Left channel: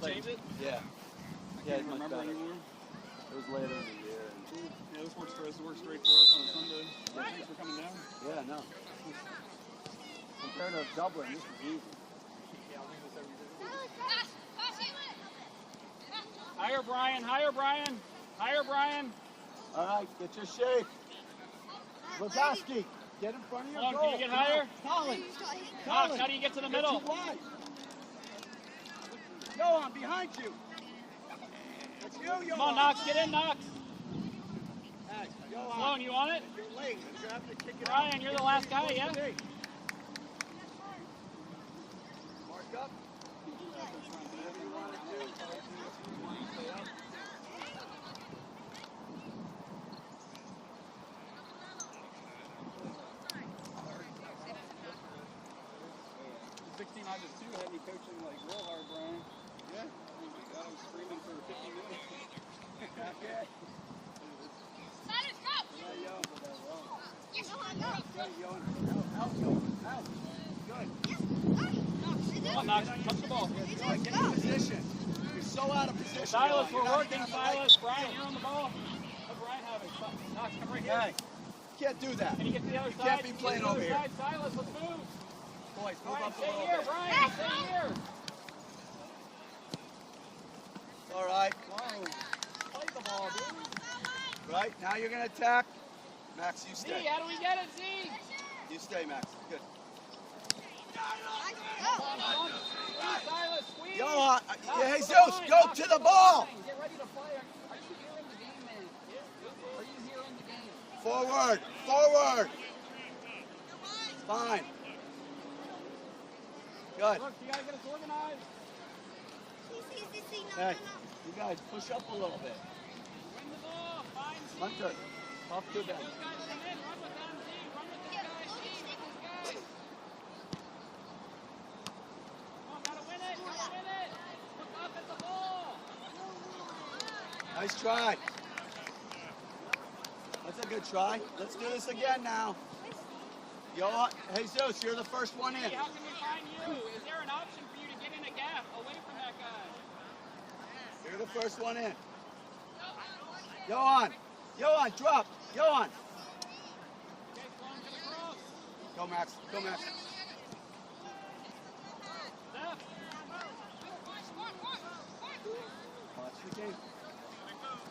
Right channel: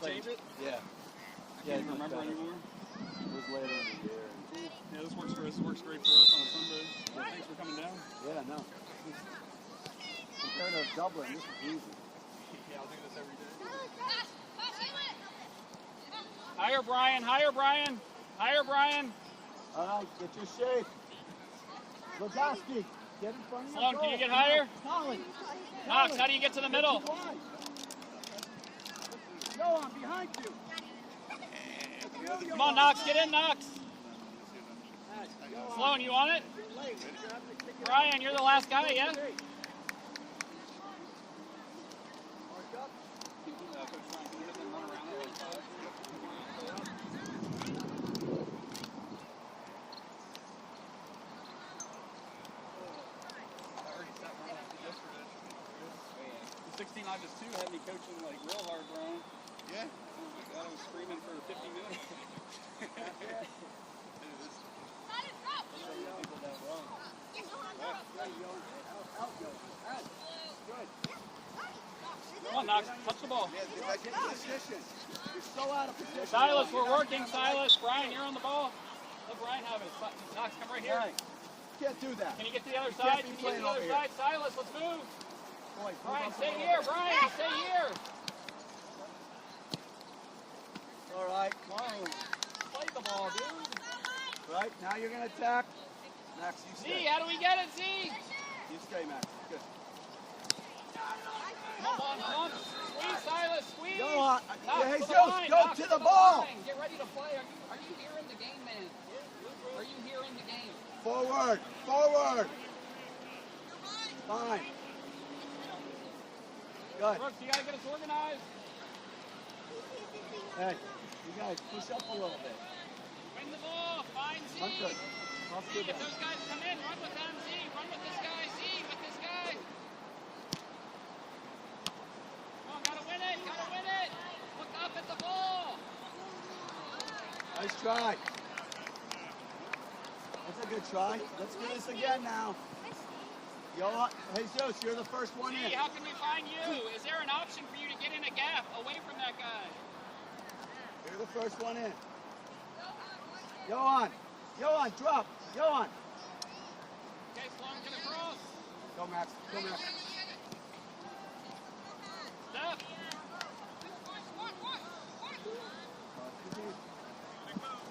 we change it? Yeah. I can't even remember anymore. It was later in the year. Yeah, this works for us. It works great for us on a Sunday. Yeah, thanks for coming down. Yeah, no. Compared to Dublin, this is easy. Yeah, I'll do this every day. Higher, Brian. Higher, Brian. Higher, Brian. All right, get your shape. Lozowski, get in front of your Sloan, goal. can you get higher? Colin. Knox, how do you get to the middle? Go on, behind you. Come on, Knox, get in, Knox. Sloan, you on it? Brian, you're the last guy, yeah? 16 I was 2 had me coaching like real hard, Brian. Yeah? Oh my God, I was screaming for 50 minutes. Come on, Knox, touch the ball. You're so out of position. Silas, we're working, Silas. Brian, you're on the ball. Let Brian have it. Knox, come right here. Hey, you can't do that. Can you get to the other You side? can't be playing over here. Side. Silas, let's move. Boys, Brian, stay here. Brian, stay here. All right. Whoa. Fight the ball, dude. Right, now you're going to attack. Max, you stay. Z, how do we get it, Z? You stay, Max. Good. Come on. Squeeze, Silas, squeeze. Go on. Knox, Hey, to the Zeus, line. go Knox, to the ball. line. Get ready to play. Are you here in the game, man? Are you here in the game? Forward. Fine. Good. Brooks, you got to get us organized. Hey, you guys push up a little bit. Bring the ball. Find Z. Run good. Tough to Get that. those guys come in. Run with them, Z. Run with this guy, Z. With this guy. Come on, gotta win it. Look up at the ball. Nice try. That's a good try. Let's do this again now. Hey, Zeus, you're the first one in. How can we find you? Is there an option for you to get in a gap away from that guy? You're the first one in. Johan, drop. Johan. Okay, Sloan, get across. Go, Max. Step.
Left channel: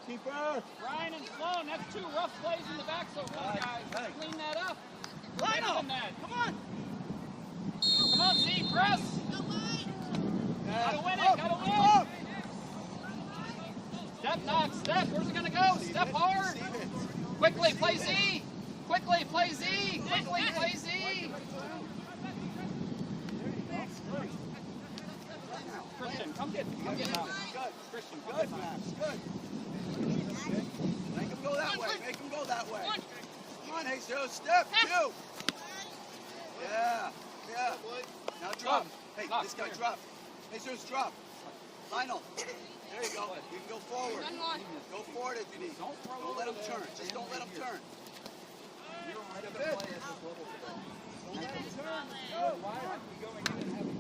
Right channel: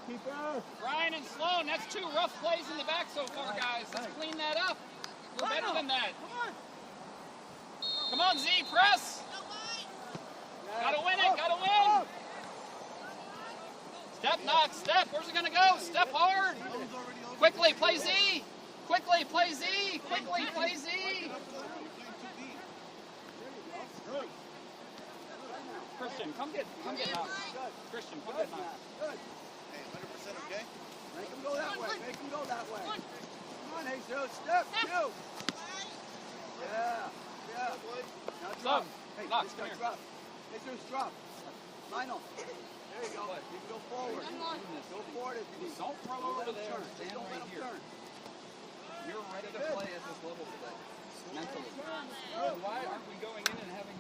Keeper. Brian and Sloan, that's 2 rough plays in the back so far, guys. Let's clean that up. We're better than that. Come on, Z, press. Gotta win it. Step, Knox, step. Where's it gonna go? Step hard. Quickly, play Z. Quickly, play Z. Christian, come get Knox. Christian, come get Knox. Make him go that way. Come on, Jesus. Step 2. Yeah. Now drop. Hey, Knox, this guy come drop. Jesus, drop. Final. There you go. You can go forward. Go forward if you need. Don't throw Don't let over him there. turn. Just don't let him turn. You're ready to play at this level today. Why aren't we going in and having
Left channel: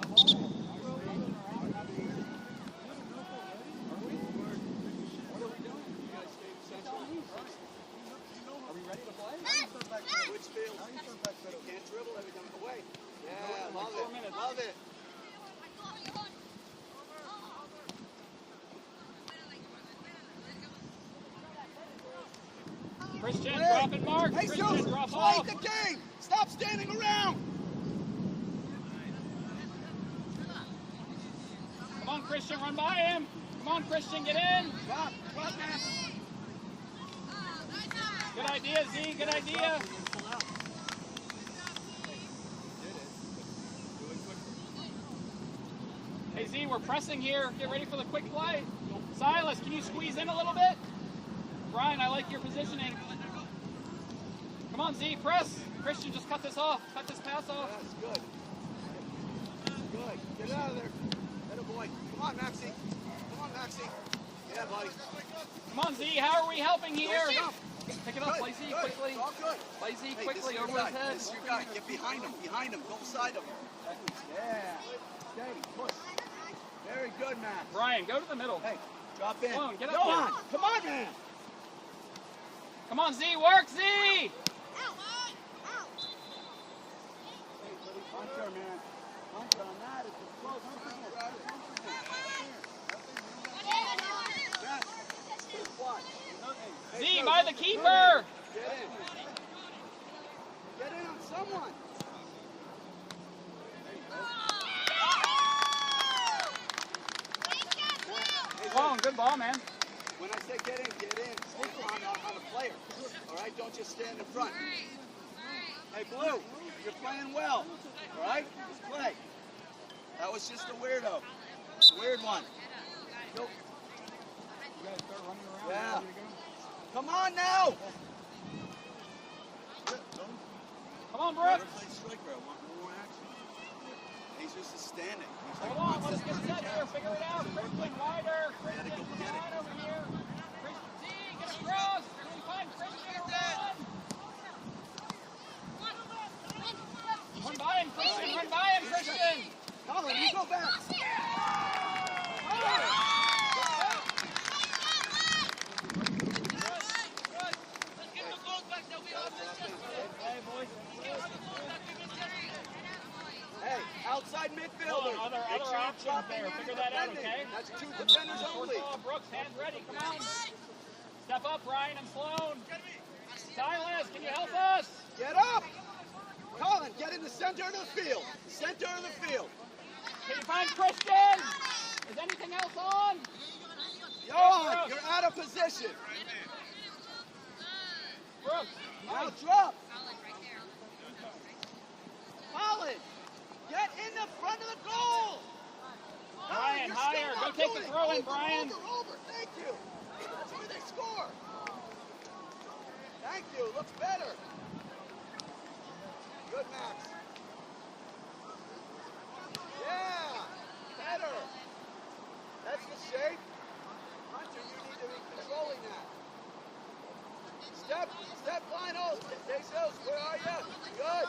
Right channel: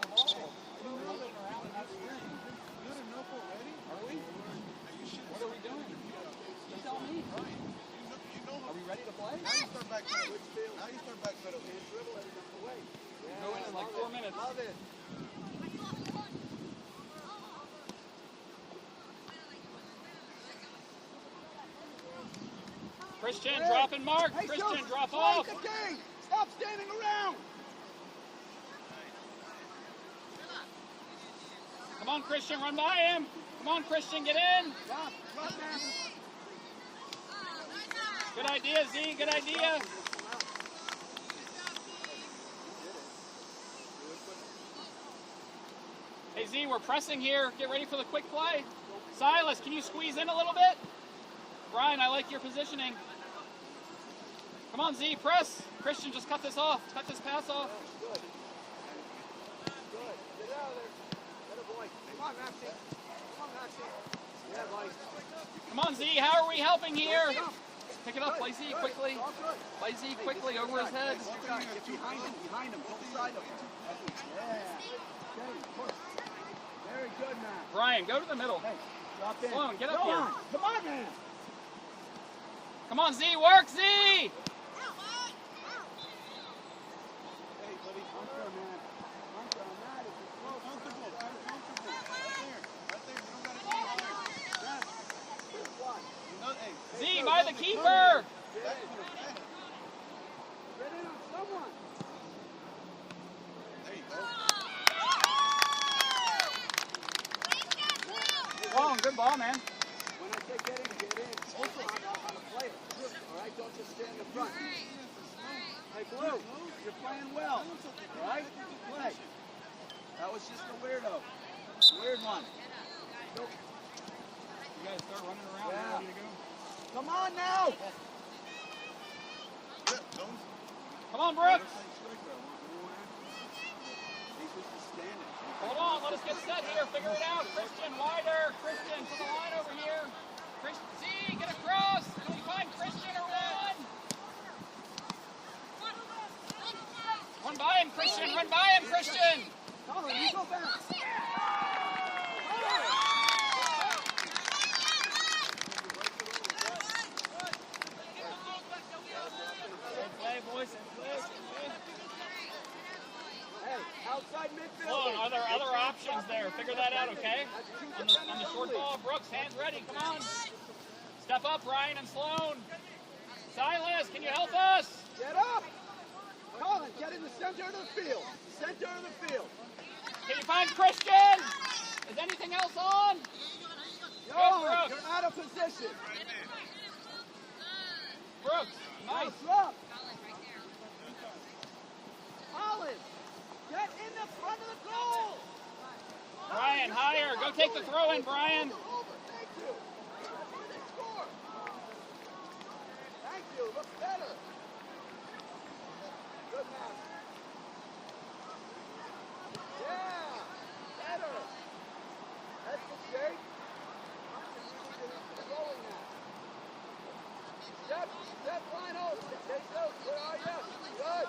the ball? We're running around and not doing it. Are we? What are we doing? You tell me. Are we ready to play? How do you come back to Whitfield? How do you come back to it? Can't dribble everything away. Go in like 4 minutes. Love it. Christian, drop and mark. Hey, Christian, Zeus, drop play off. the game. Stop standing around. Come on, Christian, run by him. Come on, Christian, get in. Good idea, Z. Good idea. Hey, Z, we're pressing here. Get ready for the quick play. Silas, can you squeeze in a little bit? Brian, I like your positioning. Come on, Z, press. Christian, just cut this off. Cut this pass off. Good. Get out of there. Better boy. Come on, Maxie. Yeah, buddy. Come on, Z, how are we helping here? Pick it up, play Z quickly. Play Z quickly over his head. You got to get behind him, both sides of him. Yeah. Okay, push. Very good, man. Brian, go to the middle. Hey, drop in. Sloan, get up Go here. on. Come on, man. Come on, Z, work, Z! Hey, buddy, come there, man. Don't go mad. It's a slow. Z, by the keeper! Get in on someone. Sloan, good ball, man. When I say get in, focus on a player. All right, don't just stand in front. Hey, Blue, you're playing well. All right, just play. That was just a weirdo. Weird one. You guys start running around. Yeah. Come on now. Come on, Brooks. He's just standing. Hold on, let's get set here. Figure it out. Christian, wider. Christian, to the line over here. Christian, Z, get across. Can you find Christian or run? Run by him, Christian. Run by him, Christian. Colin, you go back. Hey, outside midfield. Hold on, other options there. Figure that out, okay? That's two On defenders the short only. ball, Brooks, hands ready. Come on. Step up, Ryan and Sloan. Silas, can you help us? Get up. Colin, get in the center of the field. Center of the field. Can you find Christian? Is anything else on? Johan, you're out of position. Brooks, nice. Drop. Colin, get in the front of the goal. Brian, higher. Go take the throw in, Brian. Over. Thank you. Let's see they score. Thank you. Looks better. Good match. Yeah. Better. That's the shape. You need to be controlling that. Step line out. Stay close. Where are you? Good.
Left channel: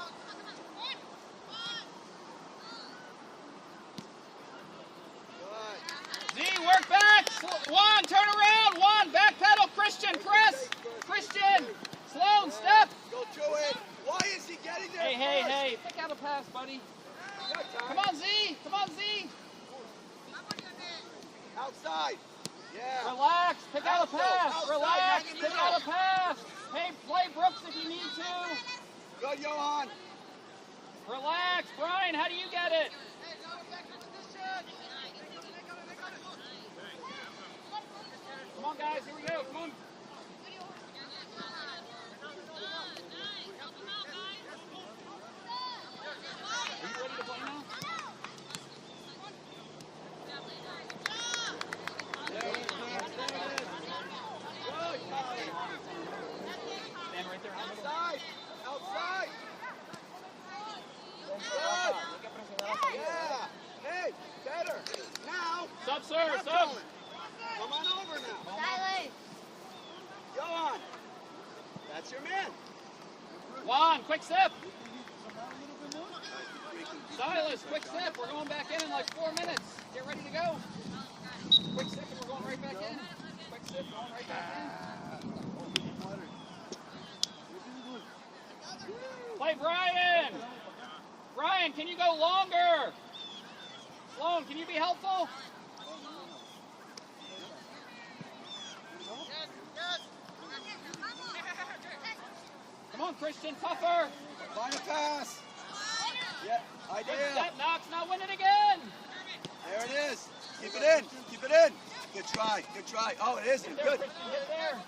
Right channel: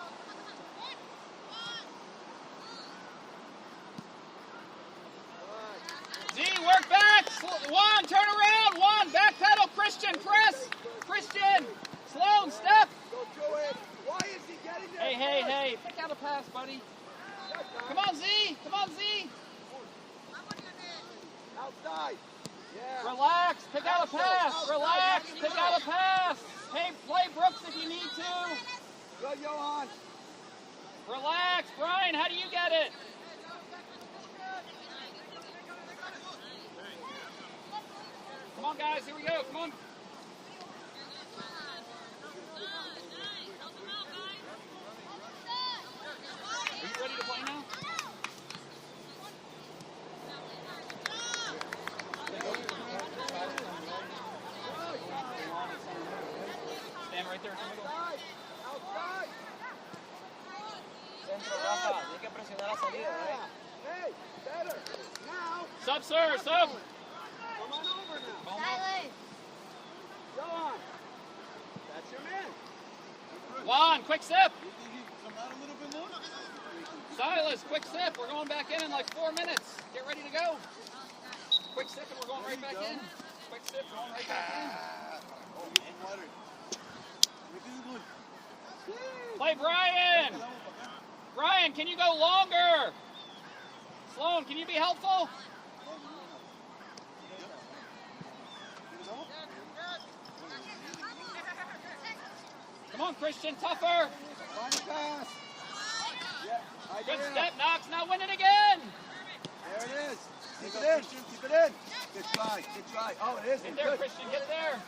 Z, work back. Juan, turn around. Juan, back pedal. Christian, press. Christian. Sloan, step. Go to it. Why is he getting there? Hey. Pick out a pass, buddy. Come on, Z. Come on, Z. Outside. Yeah. Relax. Pick out a pass. Relax. Pick out a pass. Hey, play Brooks if you need to. Good, Johan. Relax. Brian, how do you get it? Come on, guys. Here we go. Come on. Are you ready to play now? Stand right there. Outside. Outside. Yeah. Hey, better. Now. Sub, sir. Sub. Come on over now. Johan. That's your man. Juan, quick sip. Silas, quick sip. We're going back in like 4 minutes. Get ready to go. Quick sip and we're going right back in. Quick sip, going right back in. Play Brian. Brian, can you go longer? Sloan, can you be helpful? Come on, Christian, tougher. Final pass. Yeah, I Good did. step, Knox. Now win it again. There it is. Keep it in. Keep it in. Good try. Good try. Oh, it is. Get Good. there, Christian. Get there.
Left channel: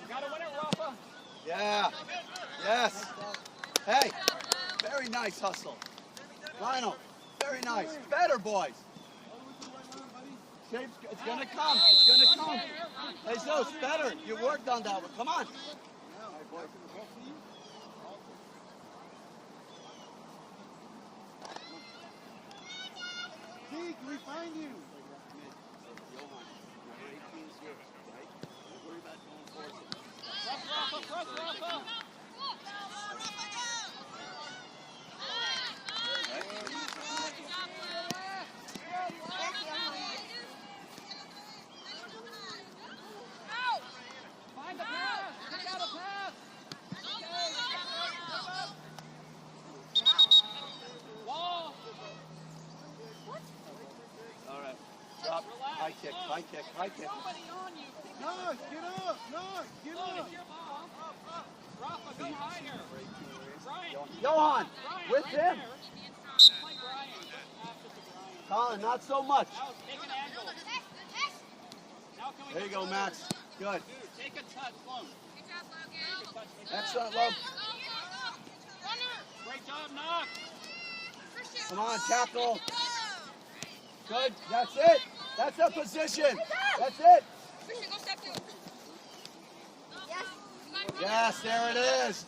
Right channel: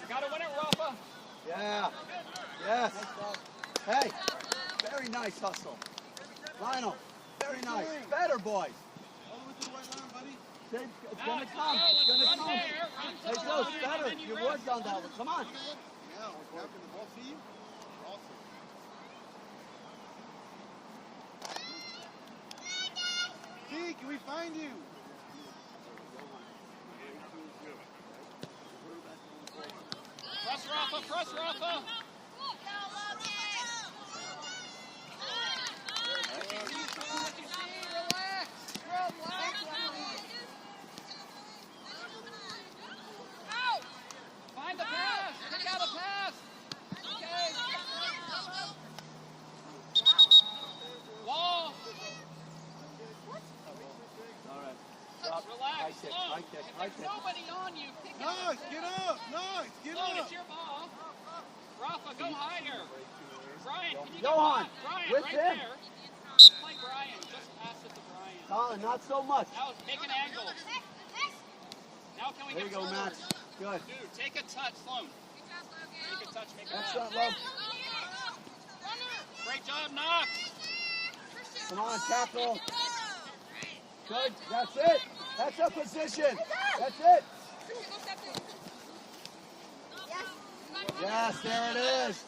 You got to win it, Rafa. Yeah. Yes. Hey. Very nice hustle. Lionel. Very nice. Better, boys. It's going to come. It's going to come. Hey, so it's better. You worked on that one. Come on. Key, can we find you? Press, Rafa. High kick, high kick, high kick. Nobody on you. Nice, get up, nice, get Come on, up. it's your ball. Rafa, go higher. Brian, can you Johan, Brian, with right him. there. Play Brian. Just pass it to Brian. Colin, not so much. Now take an angle. Now can we There you get go, forward? Max. Good. Dude, take a touch, Sloan. Take a touch. Make Excellent, love. Great job, Knox. Come on, tackle. Good. That's it. That's the position. That's it. Yes, there it is.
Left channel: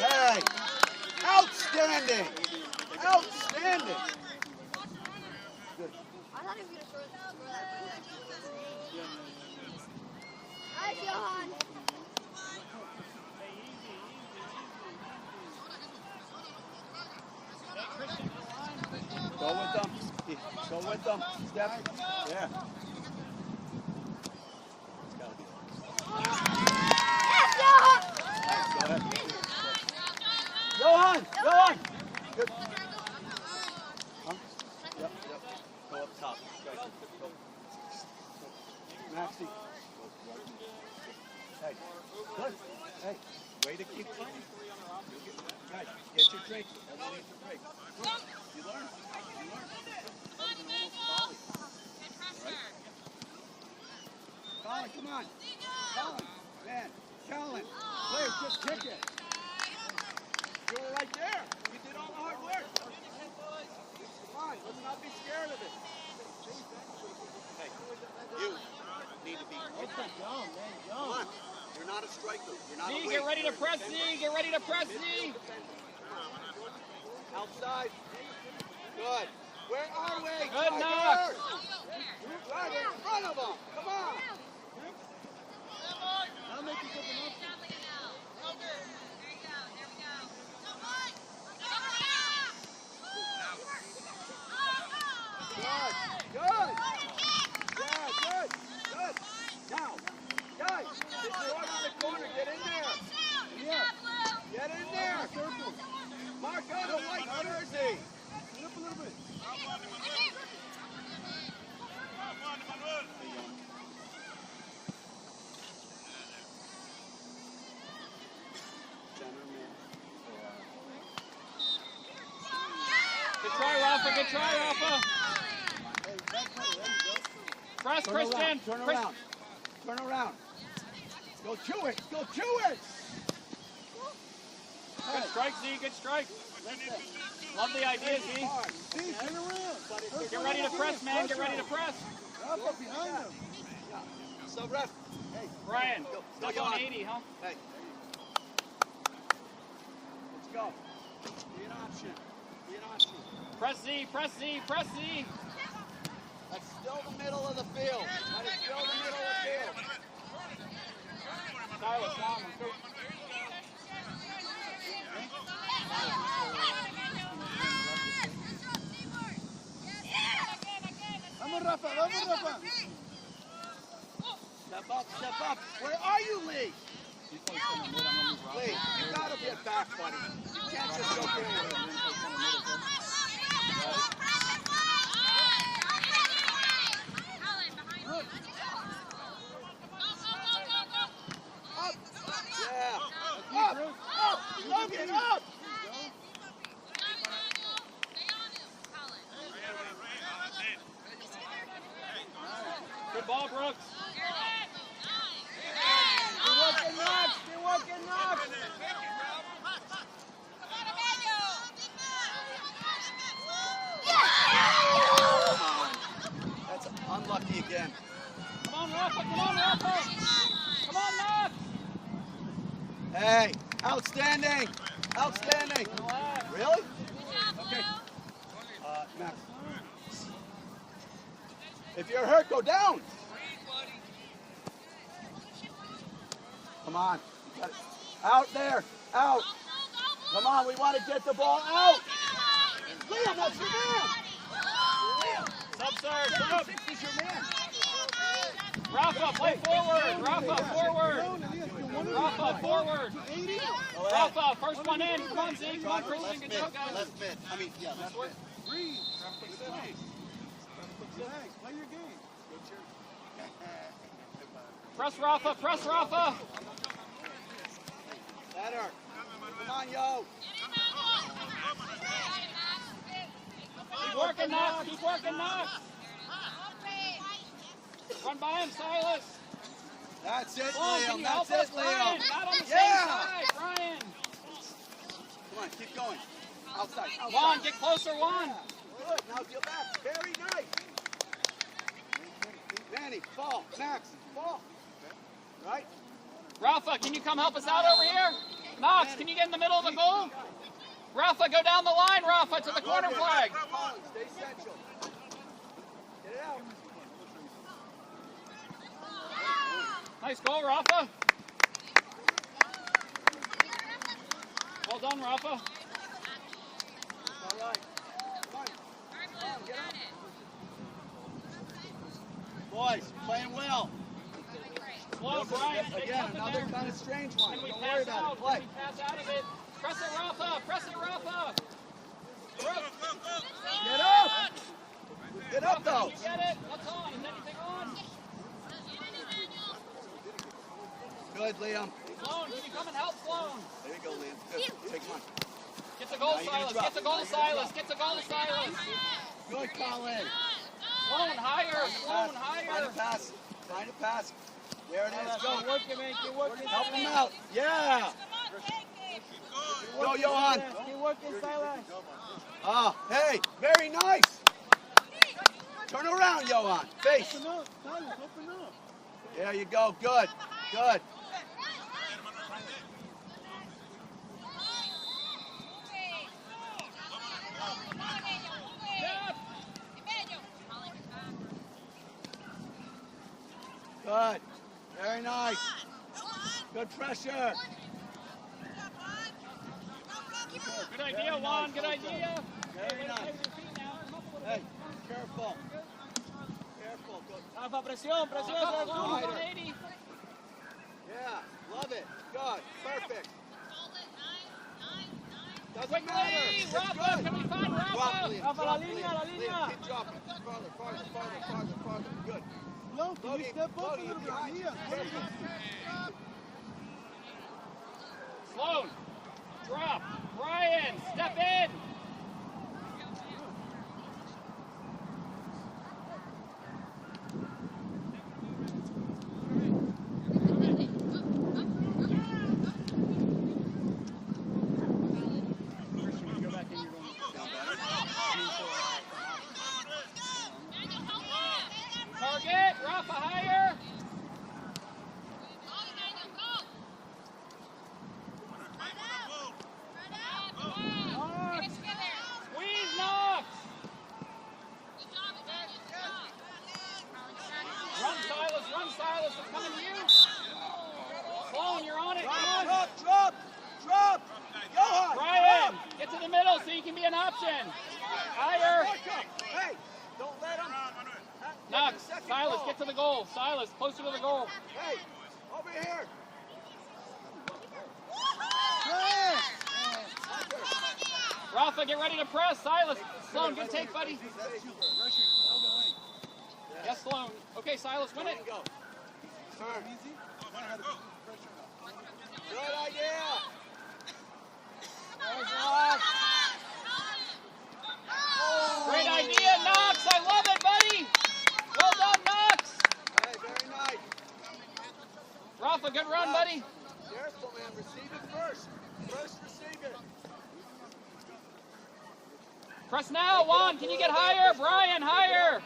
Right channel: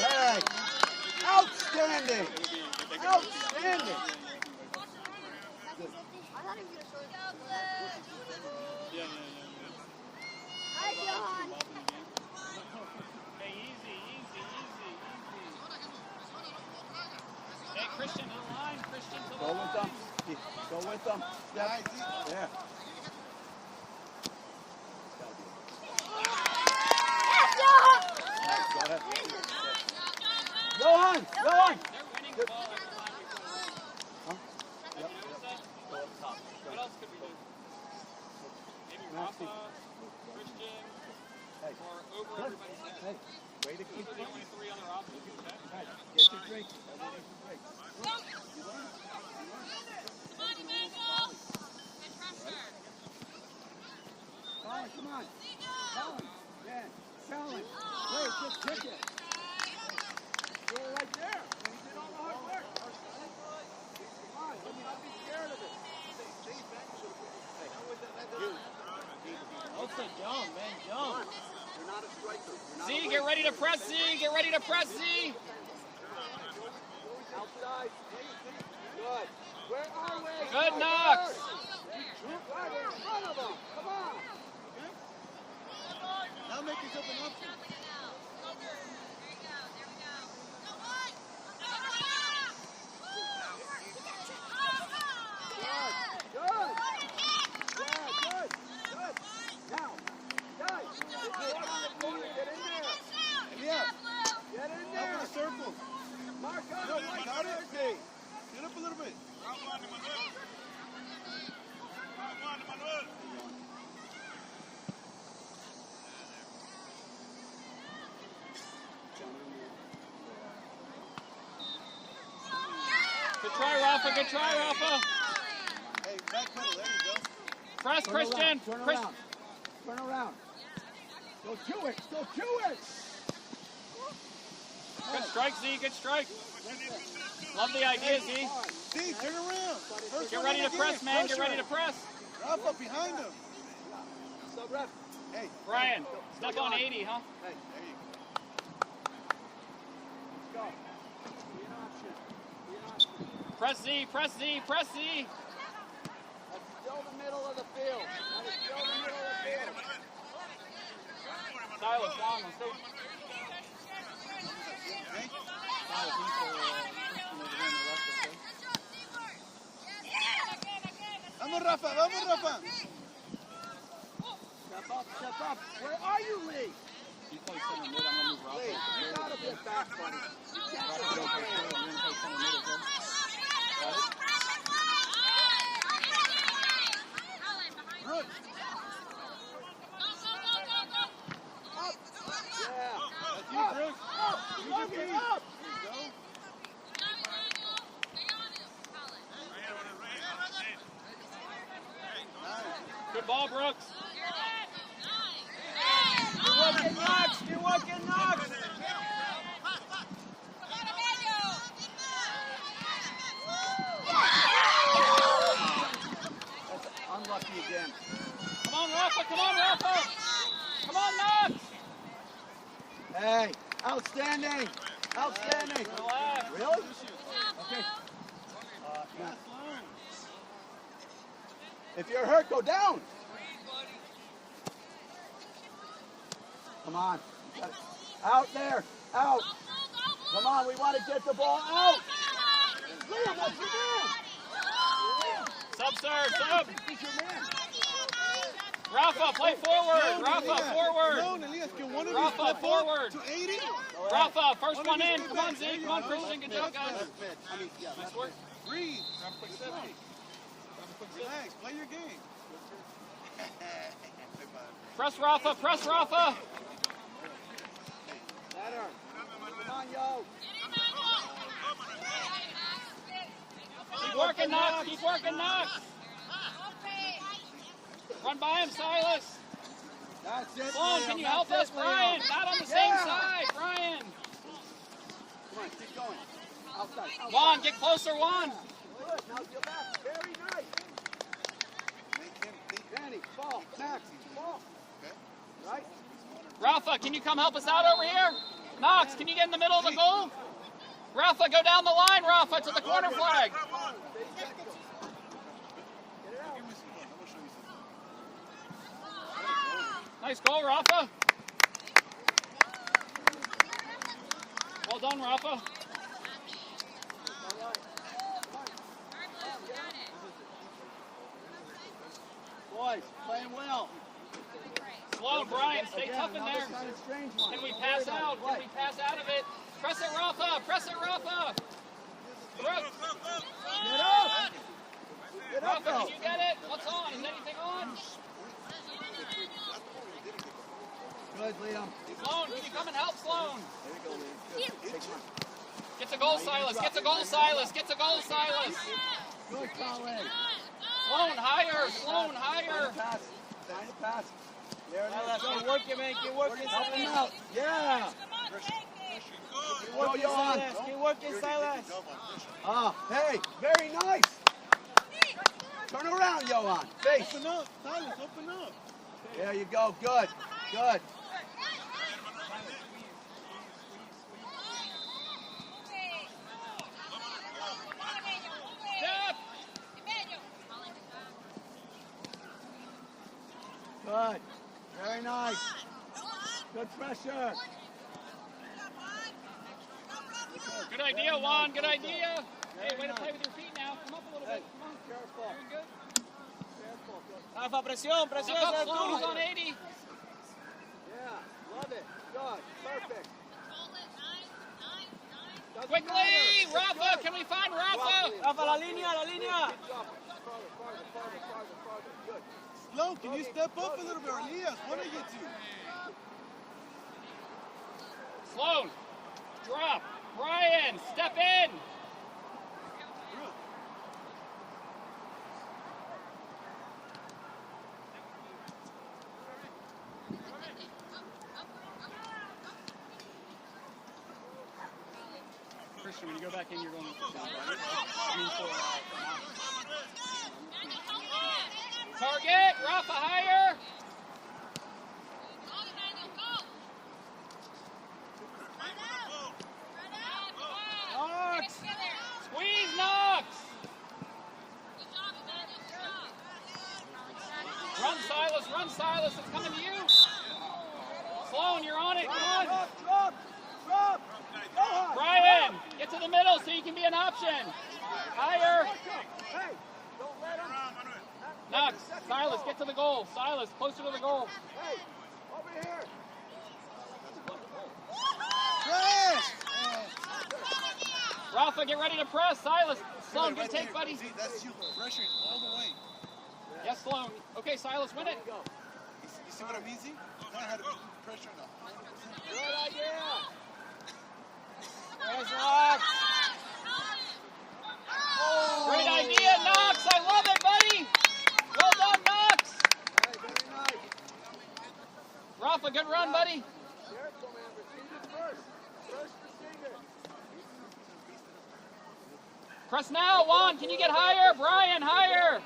Hey. Outstanding. Outstanding. Good. Hey, easy. Hey, Christian, in line, Christian. Go with them. Go with them. Step. Yeah. Johan! Johan! Good. Huh? Yep. Go up top. Go. Maxie. Hey. Good. Hey. Way to keep going. Hey, get your drink. Underneath your drink. You learn. Come on. Man, Kellen. Blair, just kick it. You were right there. You did all the hard work. Come on, let's not be scared of it. Hey, you need to be. Okay, Joan, man, Joan. You're not a striker. You're not Z, a get ready to press Z. Get ready to press Z. outside. Good. Where are we? Good, Knox. Right in front of them. Come on. Now make yourself an option. Good. Good. Now, guys, if you're on the corner, get in there. Get in there. Circle. Mark out of my jersey. Get up a little bit. Good try, Rafa. Good try, Rafa. Hey, back pedal, there you go. Press, Christian. Turn Chris- around. Turn around. Go to it. Go to it. Good strike, Z. Good strike. Love the idea, Z. See, turn around. First Get one ready to again. press, man. Get Pressure. ready to press. Rafa behind him. So, ref. Hey, Brian, stuck on 80, huh? Hey, there you go. Let's go. Be an option. Be an option. Press Z. Press Z. Press Z. That's still the middle of the field. That is still the middle of the field. Silas, down. Let's go. vamos Rafa, vamos Rafa. Step up. Where are you, Lee? You play center mid. I'm going to move Rafa. Lee, you gotta be a back man. You can't Rafa, just go go play center. I'm going to play center mid as well. Good ball, Brooks. You're working, Knox. That's unlucky again. Come on, Rafa. Come on, Rafa. Come on, Knox. Hey, outstanding. Outstanding. Relax. Really? Okay. Matt. If you're hurt, go down. Come on. You got it. Out there. Out. Come on, we want to get the ball out. Yeah, that's your man. Sub, sir. Sub. He's your man. Rafa, play forward. Rafa, forward. Down, Elias, you want to Rafa, be forward. to 80? Rafa, first one in. Come on, Z. Come on, Christian. Good job, guys. I mean, yeah. Nice work. Breathe. Grab a quick sip. Relax, play your game. Press Rafa, press Rafa. Better. Come on, yo. Keep working, Knox. Keep working, Knox. Run by him, Silas. That's it, Sloan, can you help us? Brian, not on the same side. Brian. Come on, keep going. Outside. Juan, get closer, Juan. Good. Now get back. Very nice. Danny, ball. Max, ball. Right? Rafa, can you come help us out over here? Knox, can you get in the middle of the goal? Rafa, go down the line, Rafa, to the corner flag. Nice goal, Rafa. Well done, Rafa. Boys, playing well. Slow, Brian, stay tough in there. Kind of strange one. Can we pass out? Can we pass out of it? Press it, Rafa. Press it, Rafa. Get up! Get up, Rafa, though. you get it? What's on? Is anything on? Good, Liam. Sloan, can you come and help Sloan? There you go, Liam. Good. Take one. Get the goal, Silas. Get the goal, Silas. Get the goal, Silas. Good, Colin. Sloan, higher. Sloan, higher. Find a pass. Find a pass. There it is. Go, work it, man. Keep working. Help him out. Yeah. Go, Johan. Keep working, Silas. Oh, hey, very nice. Turn around, Johan. Face. Open up, Silas, open up. There you go. Good. Good. Good. Very nice. Good pressure. Good idea, Juan. Good idea. Hey, way to play with your feet now. Come up a little Hey, bit. careful. Careful. Good. Rafa, presión, presión. Pick up Sloan, he's on 80. Yeah, love it. Good. Perfect. Doesn't Quickly, matter. Rafa. Good. Can we find Rafa? Rafa, la línea, la línea. Keep dropping. Farther. Good. Sloan, can you step up a little bit? Elias, what are you doing? Sloan, drop. Brian, step in. Christian, when you go back in, you're going target, Rafa higher. Squeeze, Knox. Run, Silas, it's coming to you. Sloan, you're on it, come on. Drop. Johan. Brian, get to the middle so you can be an option. Higher. Hey, don't let him. Knox, Silas, get to the goal. Silas, closer to the goal. Hey, over here. Press! Rafa, get ready to press. Silas, Sloan, good take, buddy. See, that's you pressuring all the way. Yes, Sloan. Okay, Silas, win it. You see what I'm easy? Now how to put pressure on them. Good idea. Great idea, Knox. I love it, buddy. Well done, Knox. Hey, very nice. Rafa, good run, buddy. Careful, man. Receive it first. First receive it. Press now, Juan. Can you get higher? Brian, higher.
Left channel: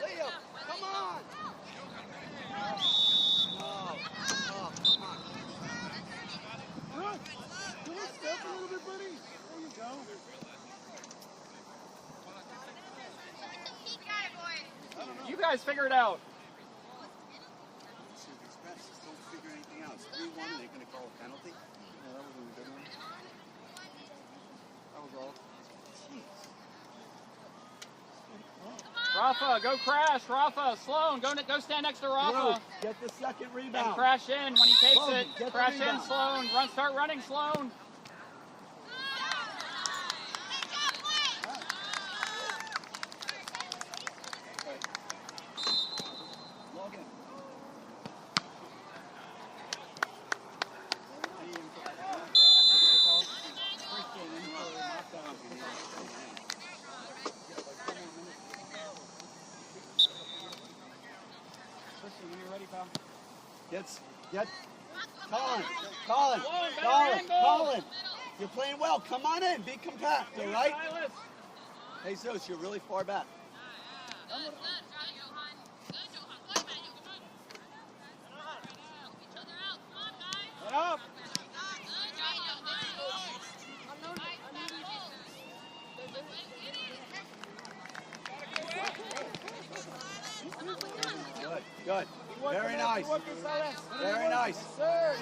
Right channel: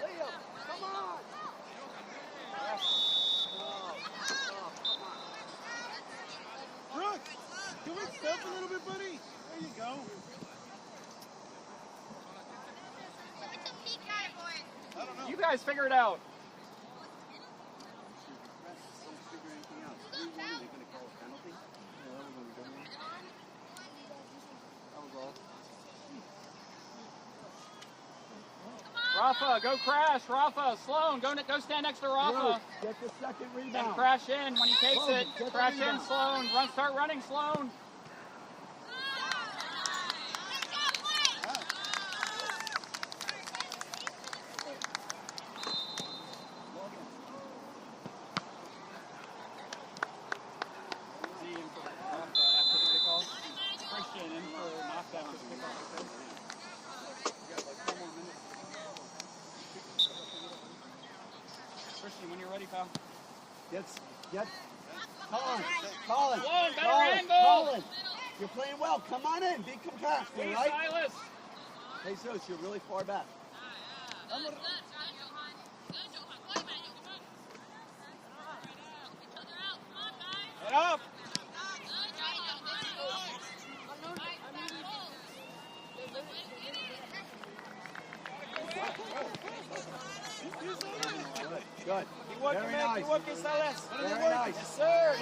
Leo, come on. Brooke, can we step a little bit, buddy? There you go. You guys figure it out. Figure anything out. Are they going to call a penalty? Yeah, that was a good one. That was all. Rafa, go crash. Rafa, Sloan, go stand next to Rafa. Get the second rebound. And crash in when he takes Sloan, it. get the Crash in, rebound. Sloan. Start running, Sloan. When you're ready, pal. Get Colin. You're playing well. Come on in. Be compact, all right? Hey, Zeus, you're really far back. Get up. Good. Very nice. Very nice. Yes, sir.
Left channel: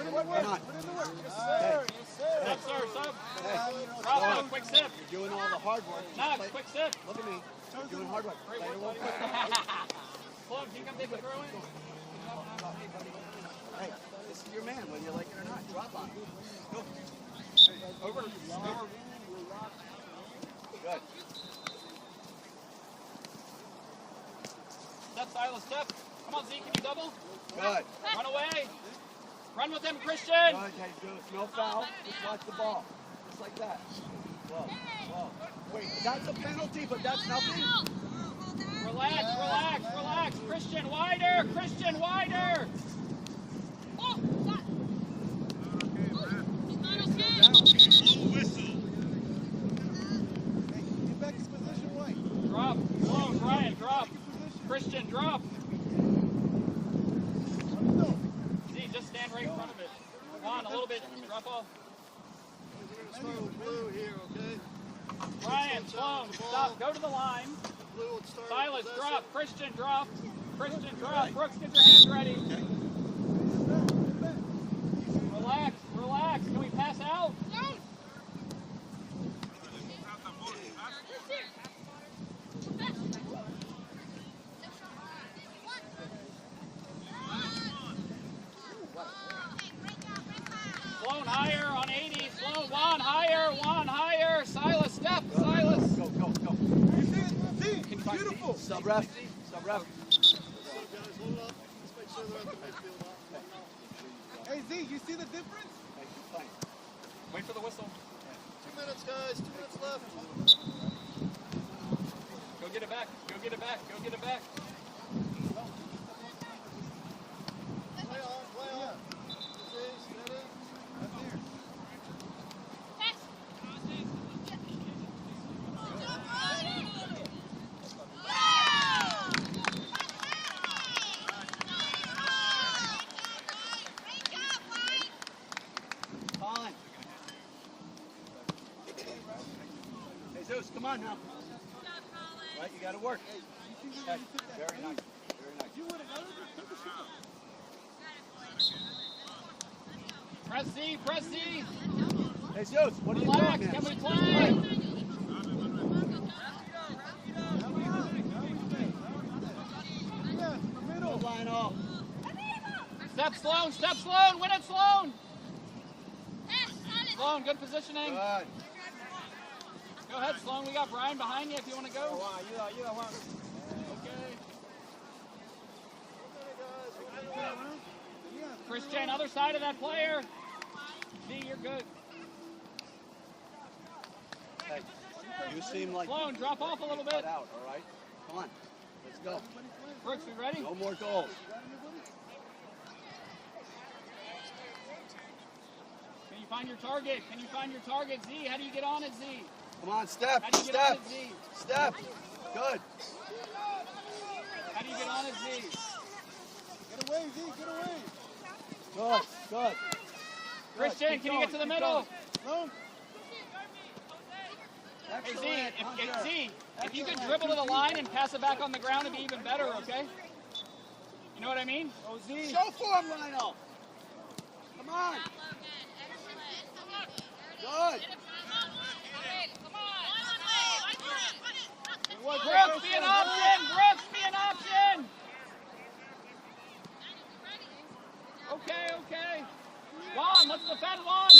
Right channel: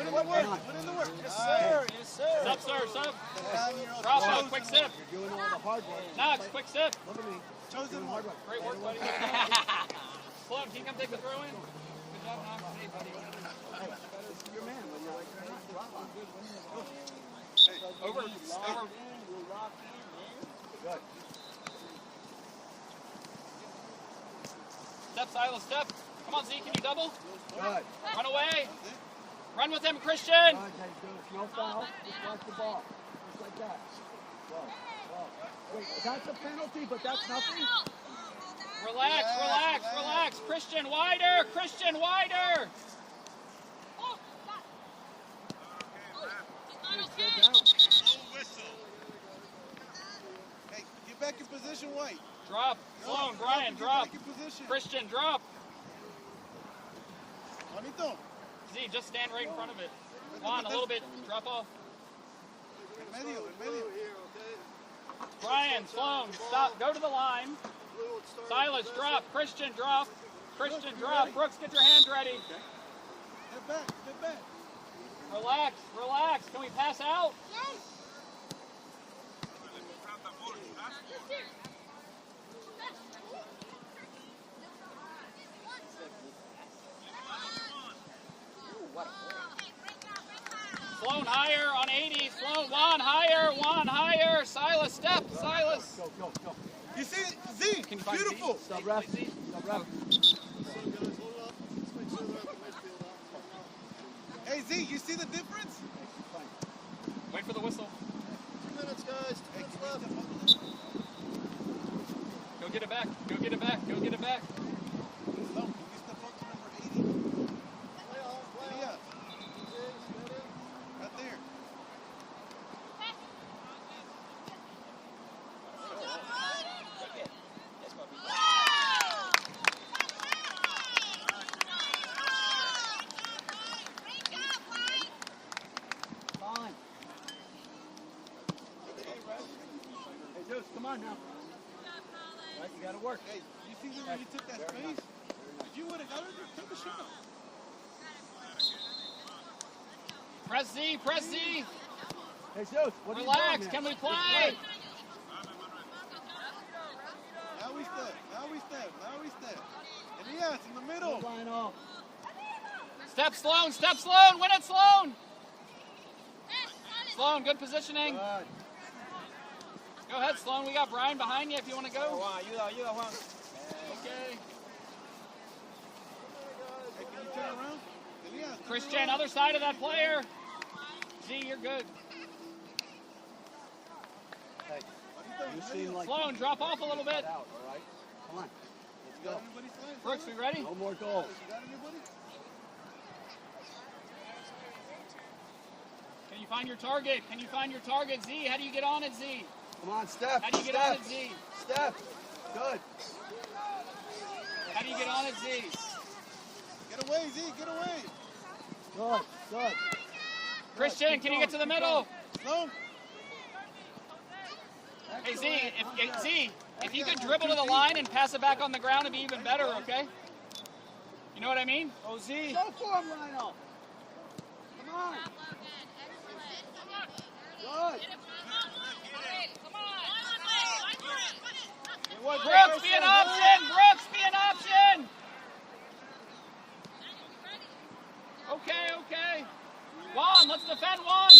Sub, sir, sub. Rafa, quick sip. You're doing all the hard work. Knox, quick sip. Look at me. Doing hard work. Great work, buddy. Sloan, can you come take the throw in? Good job, Knox. Hey, this is your man. What do you like? Come on, drop on. Over. Good. Step, Silas, step. Come on, Z, can you double? Good. Run away. Run with him, Christian. Good. Hey, Zeus, no foul. Just watch the ball. Just like that. Go. Wait, that's a penalty, but that's nothing. Relax. Christian, wider. Hey, get back in position, White. Drop. Sloan, Brian, drop. Back in position. Christian, drop. Juanito. Z, just stand right in front of it. Juan, a little bit. Drop off. Brian, Sloan, stop. Go to the line. Silas, drop. Christian, drop. Brooks, get your hands ready. Get back. Relax. Can we pass out? Sloan higher on 80. Sloan, Juan higher. Silas, step. Go. You see? Beautiful. Sub-ref. Hey, Z, you see the difference? Wait for the whistle. 2 minutes, guys. 2 minutes left. Go get it back. Right there. Hey, Zeus, come on now. Right, you got to work. Hey, you see how you took that space? If you would have got it, took the shot. Press Z. Hey, Zeus, what are you Relax. doing, Can man? we play? Now he's dead. And yeah, it's in the middle. Line up. Step Sloan. Win it, Sloan. Sloan, good positioning. Good. Go ahead, Sloan. We got Brian behind you if you want to go. Okay. Christian, other side of that player. Z, you're good. Hey, you seem like Sloan, drop off a little bit. cut out, all right? Come on. Let's go. Brooks, we ready? No more goals. Can you find your target? Z, how do you get on it, Z? Come on, Steph. How do you get on it, Z? Steph. Good. How do you get on it, Z? Get away, Z, get away. Good. Christian, can you get to the middle? No. Hey, Z, if you could dribble to the line and pass it back on the ground, it'd be even better, okay? You know what I mean? Oh, Z. Show form, Lionel. Come on. Good. Brooks, be an option! Okay. Juan, let's defend Juan.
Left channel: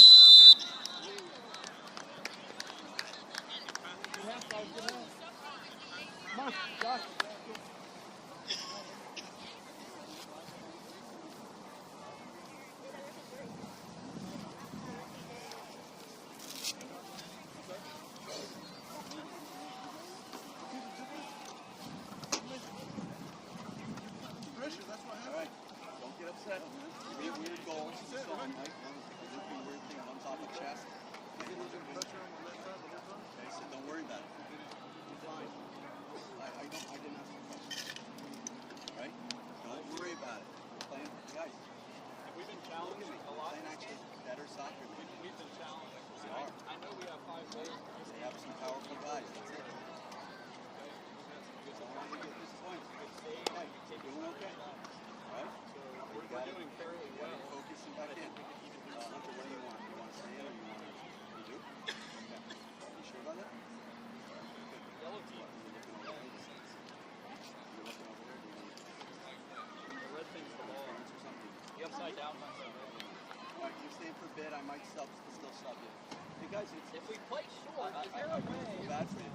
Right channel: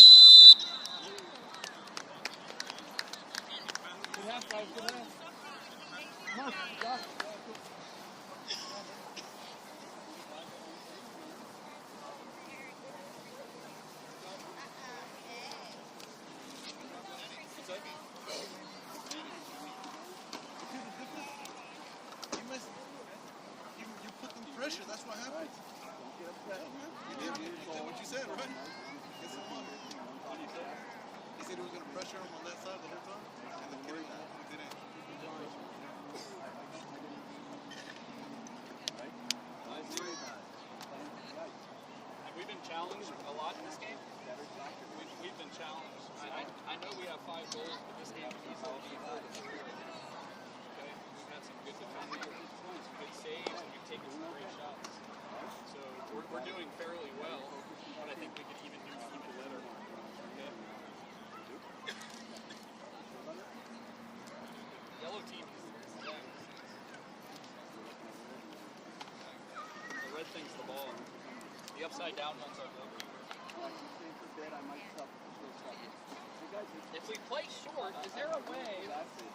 Pressure, that's what happened. Don't get upset. That's what you said, right? He said he was going to pressure on the left side the whole time. Don't worry about it. He didn't. Right? Don't worry about it. We're playing right. Have we been challenged a lot in this game? Better soccer. We've been challenged. I know we have 5 goals, but this game is Powerful guys. okay. We've had some good defending, good saves, and we've taken some great shots. So we're doing fairly well, but I think we could even do some better. Okay? Yellow team is the flag. The red thing's the ball. The upside down ones are good. Alright, you stay for a bit. I might still sub you. Hey guys, If we play short, is there a way that's it.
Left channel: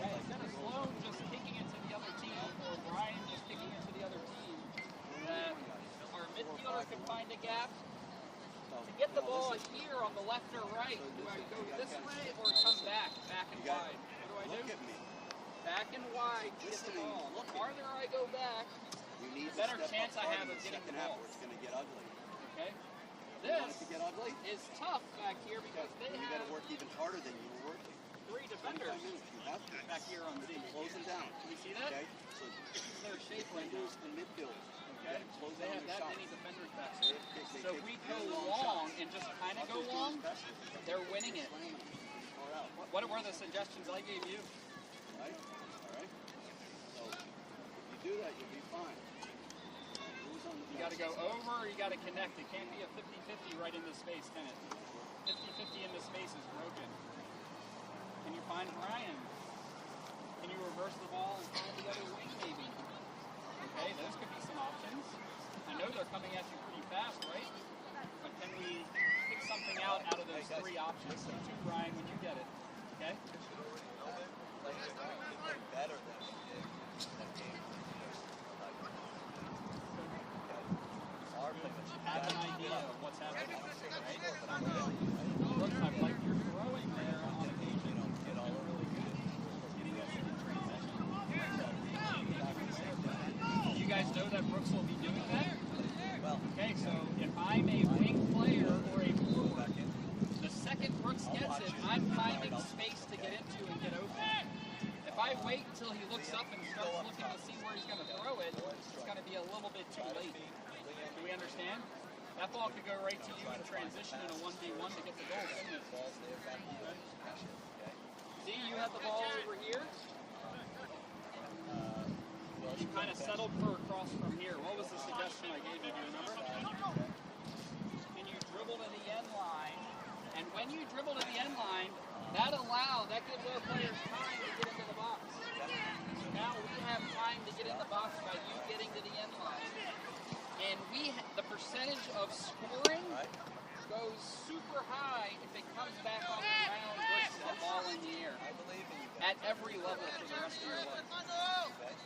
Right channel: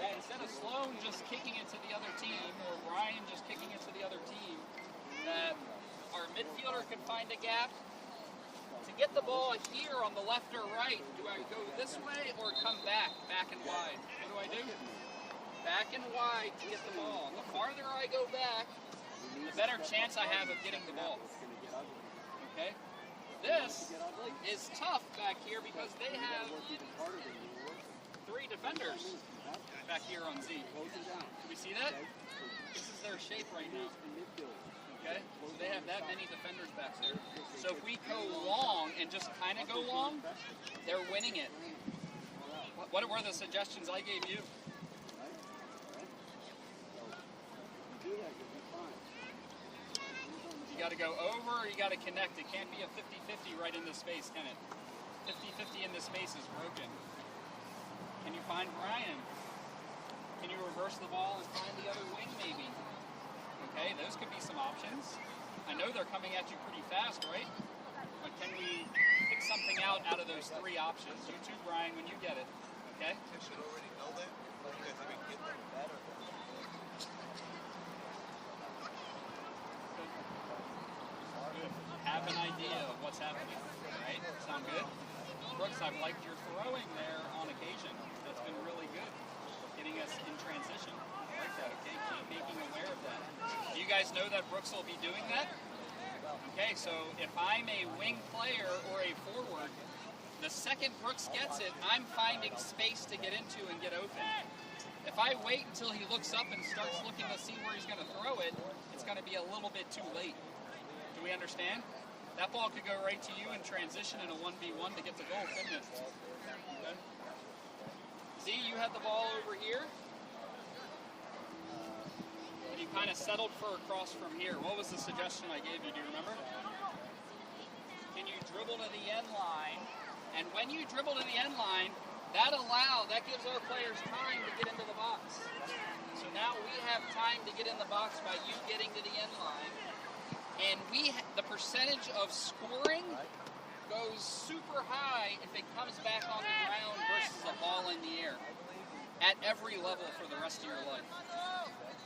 that instead of Sloan just kicking it to the other team, or Brian just kicking it to the other team, that our midfielder can find a gap to get the ball here on the left or right? Do I go this way or come back and wide? What do I do? Back and wide to get the ball. The farther I go back, the better chance I have of getting the ball. It's going to get ugly. Okay? This Get ugly? is tough back here because they You got have to work even harder than you were working. 3 defenders back here on Z. Closing down. Do we see that? Okay? This is their shape right now. Use the midfield. Okay? They have that many defenders back there. So if we go long and just kind of go long, they're winning it. What were the suggestions I gave you? Right? Alright? If you do that, you'll be fine. You got to go over or you got to connect. It can't be a 50-50 right in this space, can it? 50-50 in this space is broken. Can you find Brian? Can you reverse the ball and find the other wing maybe? Okay, those could be some options. I know they're coming at you pretty fast, right? But can we pick something out of those 3 options? You too, Brian, when you get it. Okay? You should already know that. Because I can get them better than this game. Have an idea of what's happening, right? Sound good? Brooks, I've liked your throwing there on occasion. It's been really good, getting us in transition. So, make you aware of that. You guys know that Brooks will be doing that? Okay, so if I'm a wing player or a forward, the second Brooks gets it, I'm finding space to get into and get open. If I wait until he looks up and starts looking to see where he's going to throw it, it's going to be a little bit too late. Do we understand? That ball could go right to you in transition in a 1v1 to get the goal, couldn't it? Okay. Z, you had the ball over here. You kind of settled for a cross from here. What was the suggestion I gave you? Do you remember? Can you dribble to the end line? And when you dribble to the end line, that gives all players time to get into the box. So now we have time to get in the box by you getting to the end line. And the percentage of scoring goes super high if it comes back on the ground versus a ball in the air. At every level for the rest of your life.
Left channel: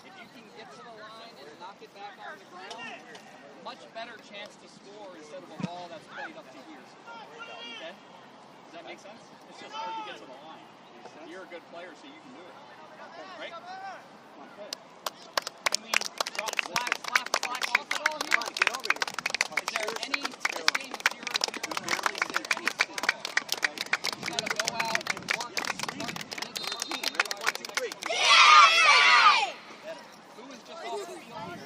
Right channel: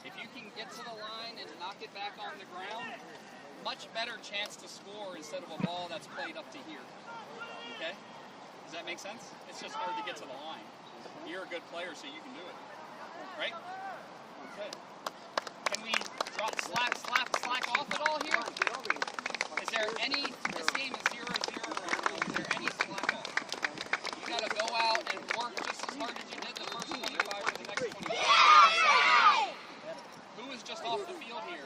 If you can get to the line and knock it back on the ground, much better chance to score instead of a ball that's played up to here. Okay? Does that make sense? It's just hard to get to the line. You're a good player, so you can do it. Right? Okay. Can we drop slack off at all here? Is there any, this game is 0-0 right now, is there any slack off? You gotta go out and work just as hard as you did the first 25 or the next 25. Who is just off the field here?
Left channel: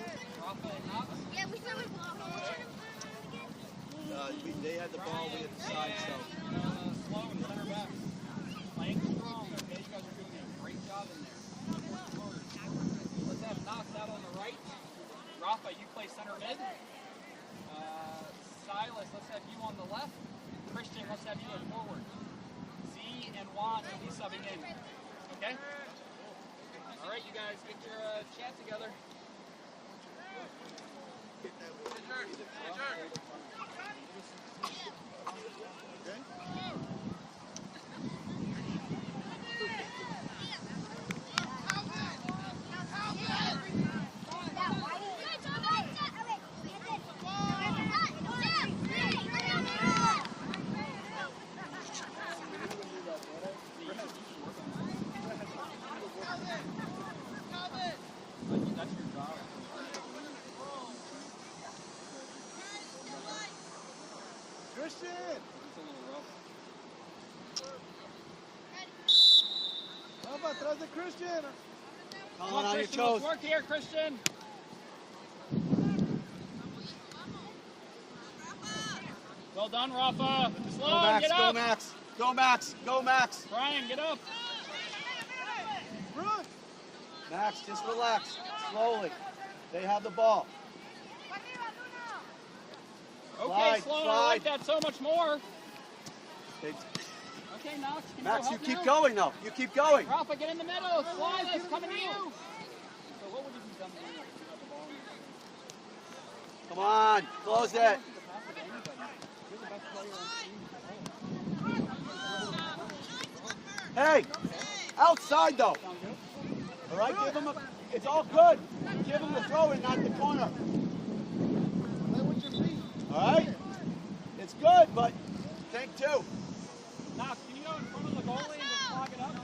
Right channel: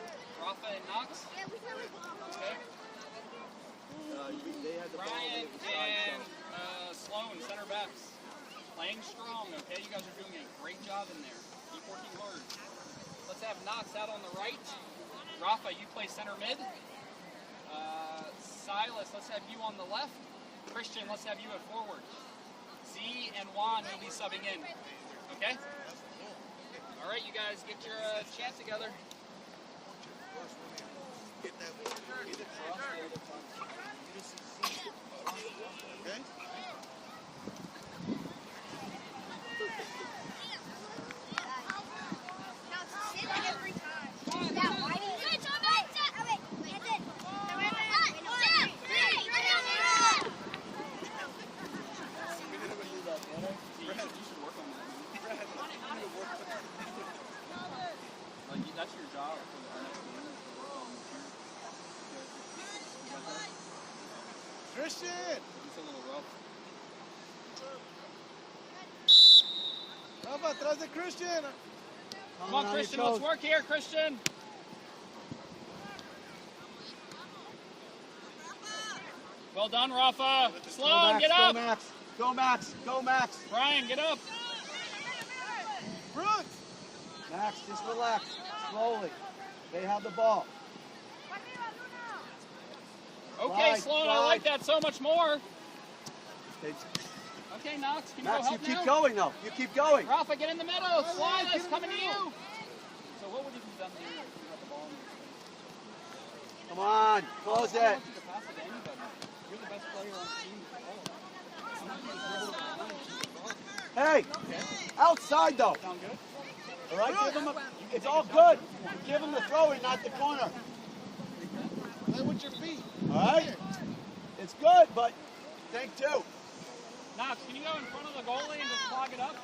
Rafa and Knox? Okay. They had the ball, we had the side, And Sloan, center backs. Playing strong, okay? You guys are doing a great job in there. Keep working hard. Let's have Knox out on the right. Rafa, you play center mid. Silas, let's have you on the left. Christian, let's have you at forward. Z and Juan will be subbing in. Okay? All right, you guys get your chant together. Get that. Christian! It's a little rough. Rafa, atrás de Christian! Come on, Christian, let's work here, Christian. Well done, Rafa. Sloan, get up. Go, Max. Go, Max. Go, Max. Brian, get up. Brooks! Max, just relax. Slowly. They have the ball. Okay, Slide, Sloan, I slide. like that so much more. Okay. Okay, Knox, can you Max, go you help keep now? going, though. You keep going. Rafa, get in the middle. Silas, coming to you. So what would you have done here if you had the ball in your hand? Come on. Close it. You don't pass it to anybody. You're the best player on the team. Hey, outside, though. Sound good? All right, give him a... It's all good. Give him the throw-in, not the corner. Play with your feet. All right? It's good, but think two. Knox, can you go in front of the goalie and just clog it up?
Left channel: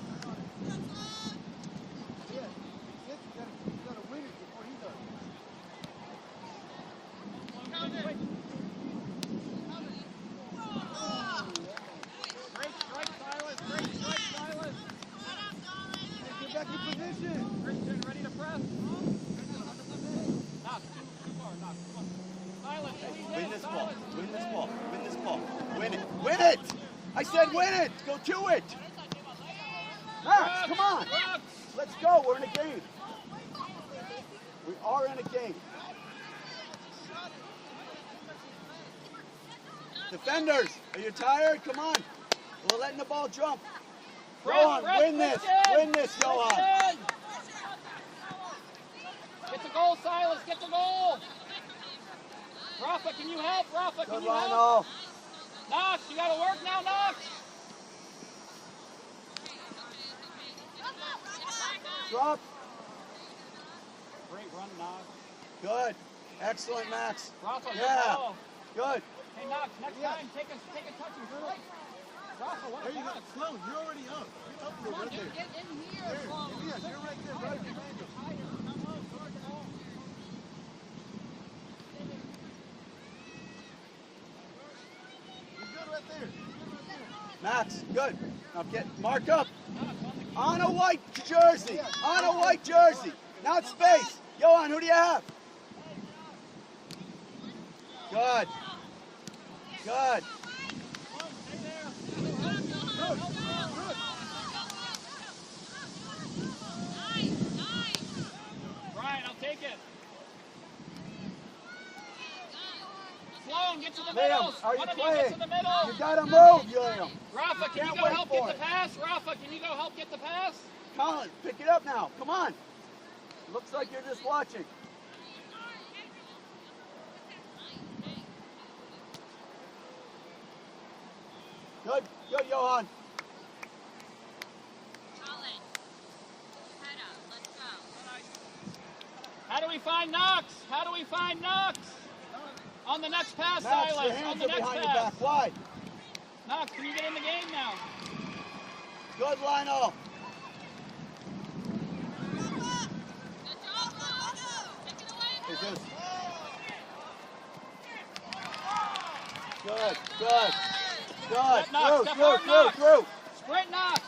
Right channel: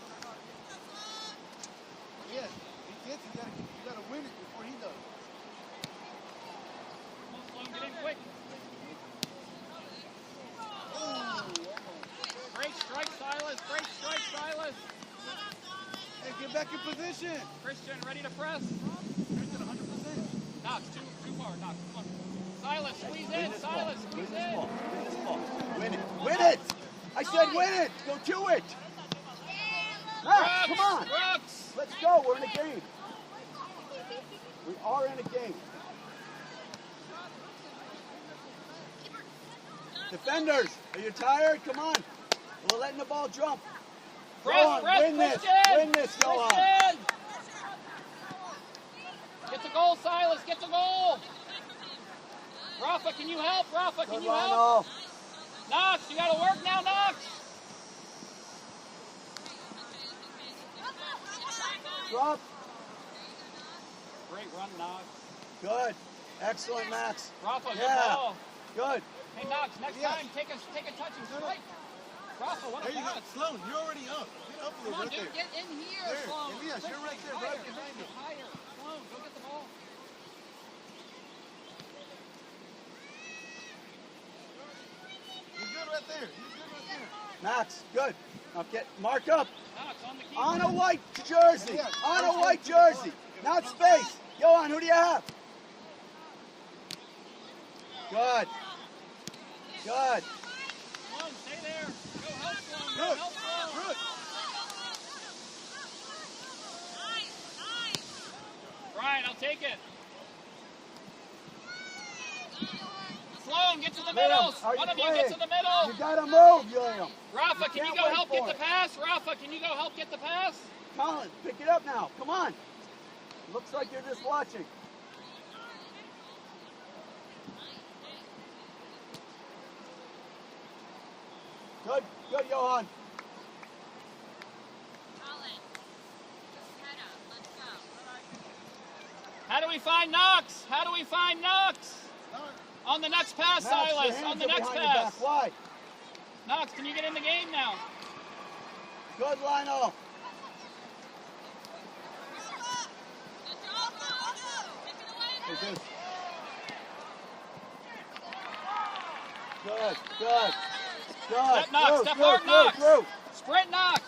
Yeah, he gets it. You gotta win it before he does. Sloan, get in quick. Great strike, Silas. Great strike, Silas. Hey, get back in position. Christian, ready to press. Christian, 100%. Knox, too far. Knox, come on. Silas, squeeze Win in. this ball. Silas, Win squeeze this in. ball. Win this ball. Win it. Win it! I said win it! Go do it! Max, come on! Brooks. Let's go. We're in a game. We are in a game. Defenders, are you tired? Come on. We're letting the ball jump. Johan, Press, win this. Christian. Win this, Johan. Christian. Get the goal, Silas. Get the goal. Rafa, can you help? Rafa, can Good you help? Lionel. Knox, you got to work now, Knox. Drop. Great run, Knox. Good. Excellent, Max. Rafa, good Yeah. ball. Good. Hey, Knox, next time, take a touch and strike. Rafa, what a There you go. pass. Sloan, you're already up. Get up there, Come on, right dude, there. get in here, There. Sloan. Yes, you're right there, right behind it. Higher. Sloan, go get the ball. You're good right there. You're good right there. Max, good. Now get mark up. Knox, on the key. On a white jersey. On a white jersey. Not space. Johan, who do you have? Good. Good. Sloan, stay there. Good. Good. Brian, I'll take it. Sloan, get to the Liam, middle. are you One of you playing? get to the middle. You gotta move, Liam. Rafa, can you can't go wait help for get the it. pass? Rafa, can you go help get the pass? Colin, pick it up now. Come on. Looks like you're just watching. Good, good, Johan. How do we find Knox? How do we find Knox? On the next pass, Max, your Silas. On hands the are next behind your pass. back. Wide. Knox, can you get in the game now? Good, Lionel. Is this? Good, good, good. Step Knox, step hard, Knox. Through. Sprint Knox.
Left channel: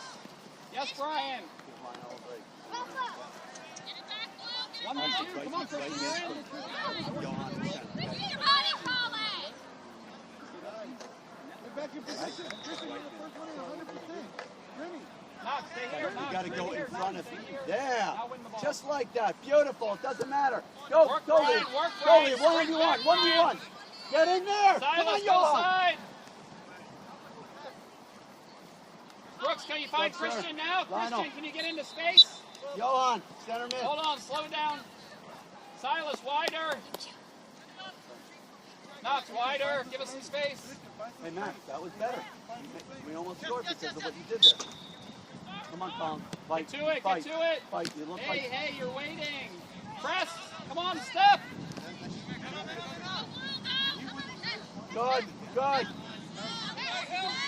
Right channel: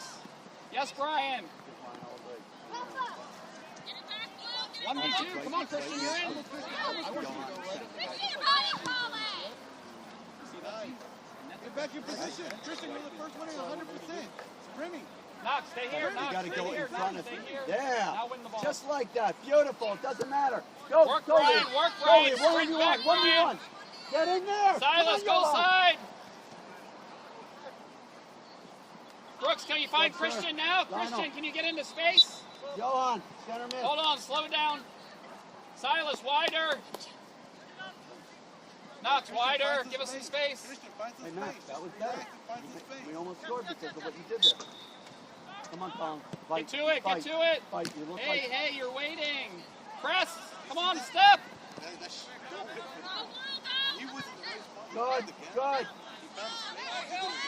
Yes, Brian. Give Lionel a break. 1v2. Come on, Christian, you're in. Johan in center. Get back in position. Christian, you're the first one in 100%. Sprinting. Knox, stay here. You Knox, got to stay go here, in front of Knox, him. stay here. Yeah. Now win the ball. Just like that. Beautiful. It doesn't matter. Go, Work, go, Brian, Liam. work, Go, Brian. Liam. 1v1. 1v1. Get in there. Silas, Come go on, Johan. side. Brooks, can you find Good, sir. Christian now? Lionel. Christian, can you get into space? Johan, center mid. Hold on, slow down. Silas, wider. Knox, wider. Give us some space. Christian, find some Hey, Max, space. that was better. Find some space. We almost scored because of what you did there. Come on, Colin. Fight. Get to it, Fight. get to it. Fight. You look Hey, like... hey, you're waiting. Press. Come on, step. Good, good.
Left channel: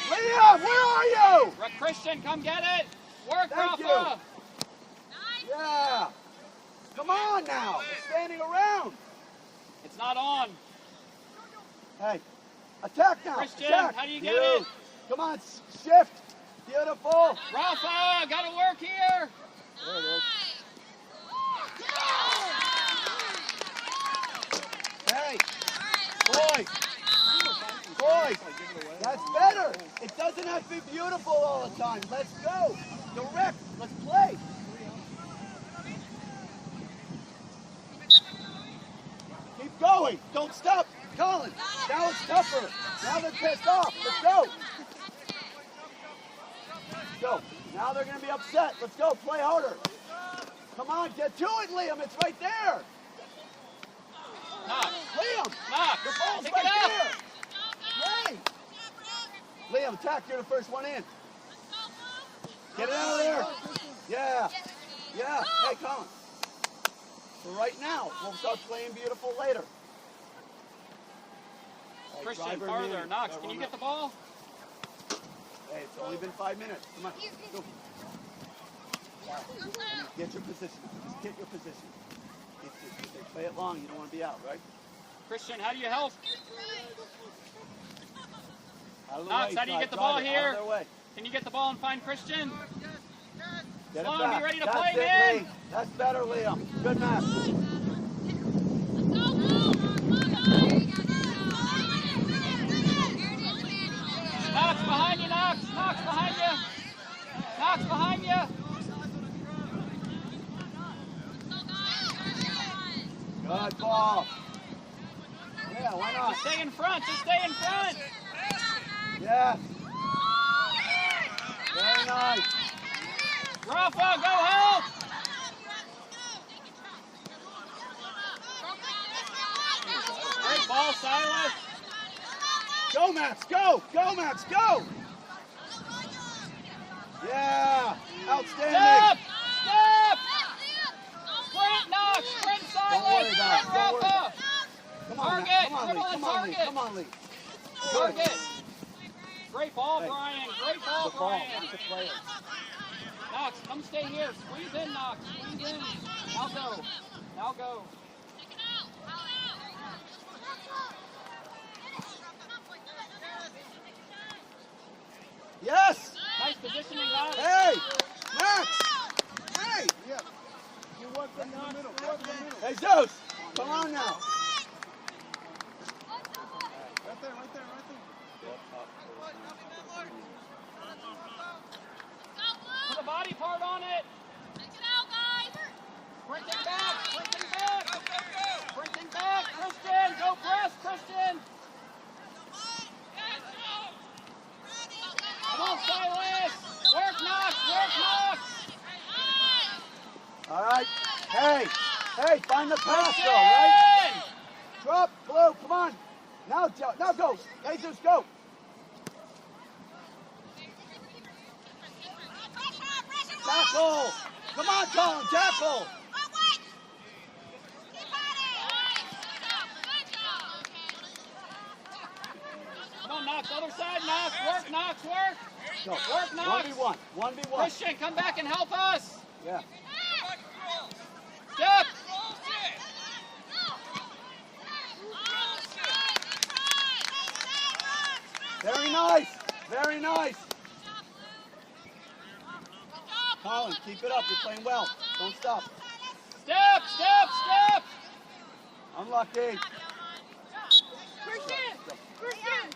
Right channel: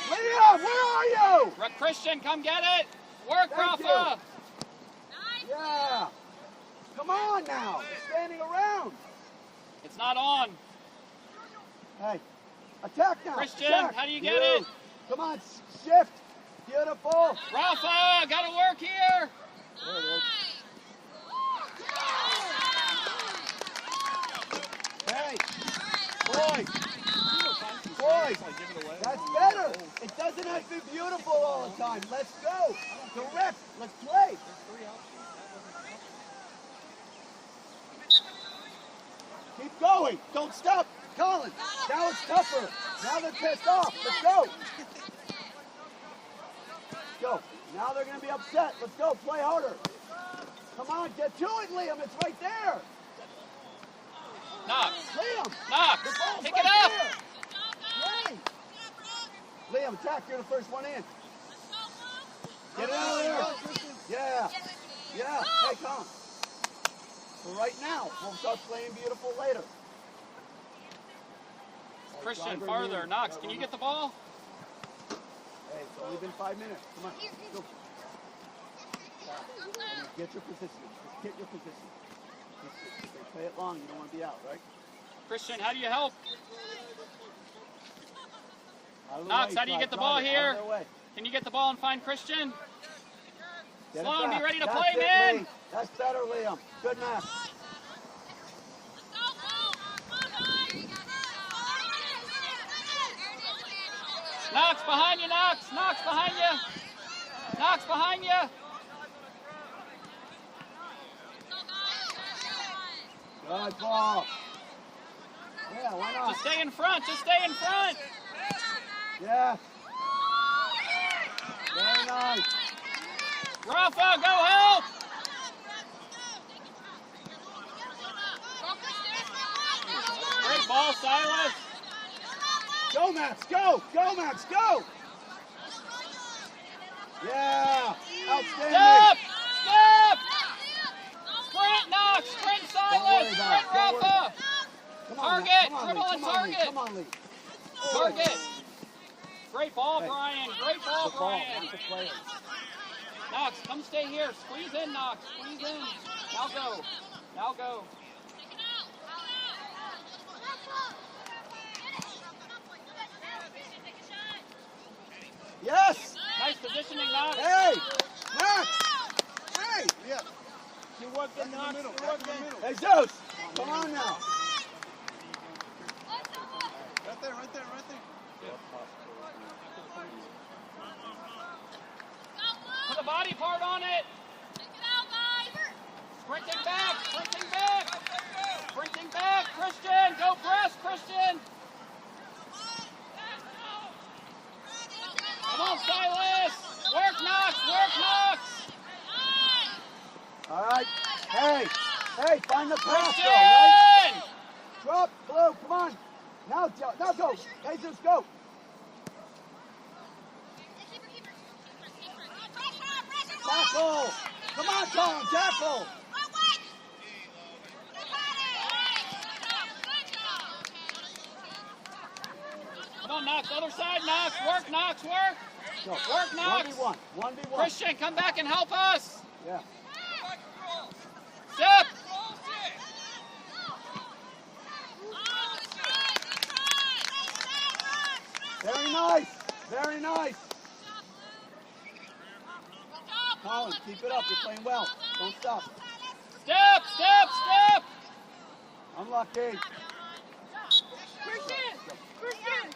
Liam, where are you? Christian, come get it. Work, Thank Rafa. Yeah. Come on now. You're standing around. It's not on. Hey, Attack now. Christian, Attack. how do you get it? Come on, shift. Beautiful. Rafa, gotta work here. There it is. Hey, boys. Boys, that's better. It doesn't have to be beautiful all the time. Let's go. Direct. Let's play. Keep going. Don't stop. Colin, now it's tougher. Now they're pissed off. Let's go. Go. Now they're going to be upset. Let's go. Play harder. Come on. Get to it, Liam. It's right there. Knox. Liam. Knox. The ball's Pick right it up. there. Play. Liam, attack. You're the first one in. Get it out of there. Yeah. Yeah. Hey, Colin. So right now, we'll start playing beautiful later. Christian, farther. Knox, can you get the ball? Hey, it's only been 5 minutes. Come on. Go. Get your position. Just get your position. Play it long. You don't want to be out, right? Christian, how do you help? Out of the Knox, way, how do you get the drive ball it, out here? of their way. Can you get the ball and find Christian? Get it Sloan, back. be ready to That's play, it, man. Lee. That's better, Liam. Good match. Knox behind you, Knox. Knox behind you. Knox behind you. Good ball. Yeah, why not? Just stay in front. Just stay in front. Yeah. Very nice. Rafa, go help. Great ball, Silas. Go, Max. Go. Go, Max. Go. Yeah. Outstanding. Step. Step. Sprint, Knox. Sprint, Don't worry Silas. about it. Sprint, Don't worry Rafa. about it. Come on, Target. Max. Come on, Dribble Lee. and Come on, Lee. target. Come on, Lee. Target. Great ball, Hey. Brian. Great ball, Good ball. Brian. That's the player. Knox, come stay here. Squeeze in, Knox. Squeeze in. Now go. Now go. Yes. Nice positioning, Knox. Hey. Max. Hey. Yeah. You worked in the middle. You worked in the middle. Hey, Zeus. Come on now. Right there, right there, right there. Put the body part on it. Sprinting back. Sprinting back. Sprinting back. Christian. Go press, Christian. Come on, Silas. Work, Knox. Work, Knox. All right. Hey. Hey, find the pass, though, right? Christian. Drop, Blue. Come on. Now go. Hey, Zeus, go. Tackle. Come on, Colin. Tackle. Come on, Knox. Other side, Knox. Work, Knox. Work. Go. Work, Knox. 1v1. 1v1. Christian, come back and help us. Yeah. Step. Very nice. Very nice. Colin, keep it up. You're playing well. Don't stop. Step, step, step. Unlucky. Christian. Christian.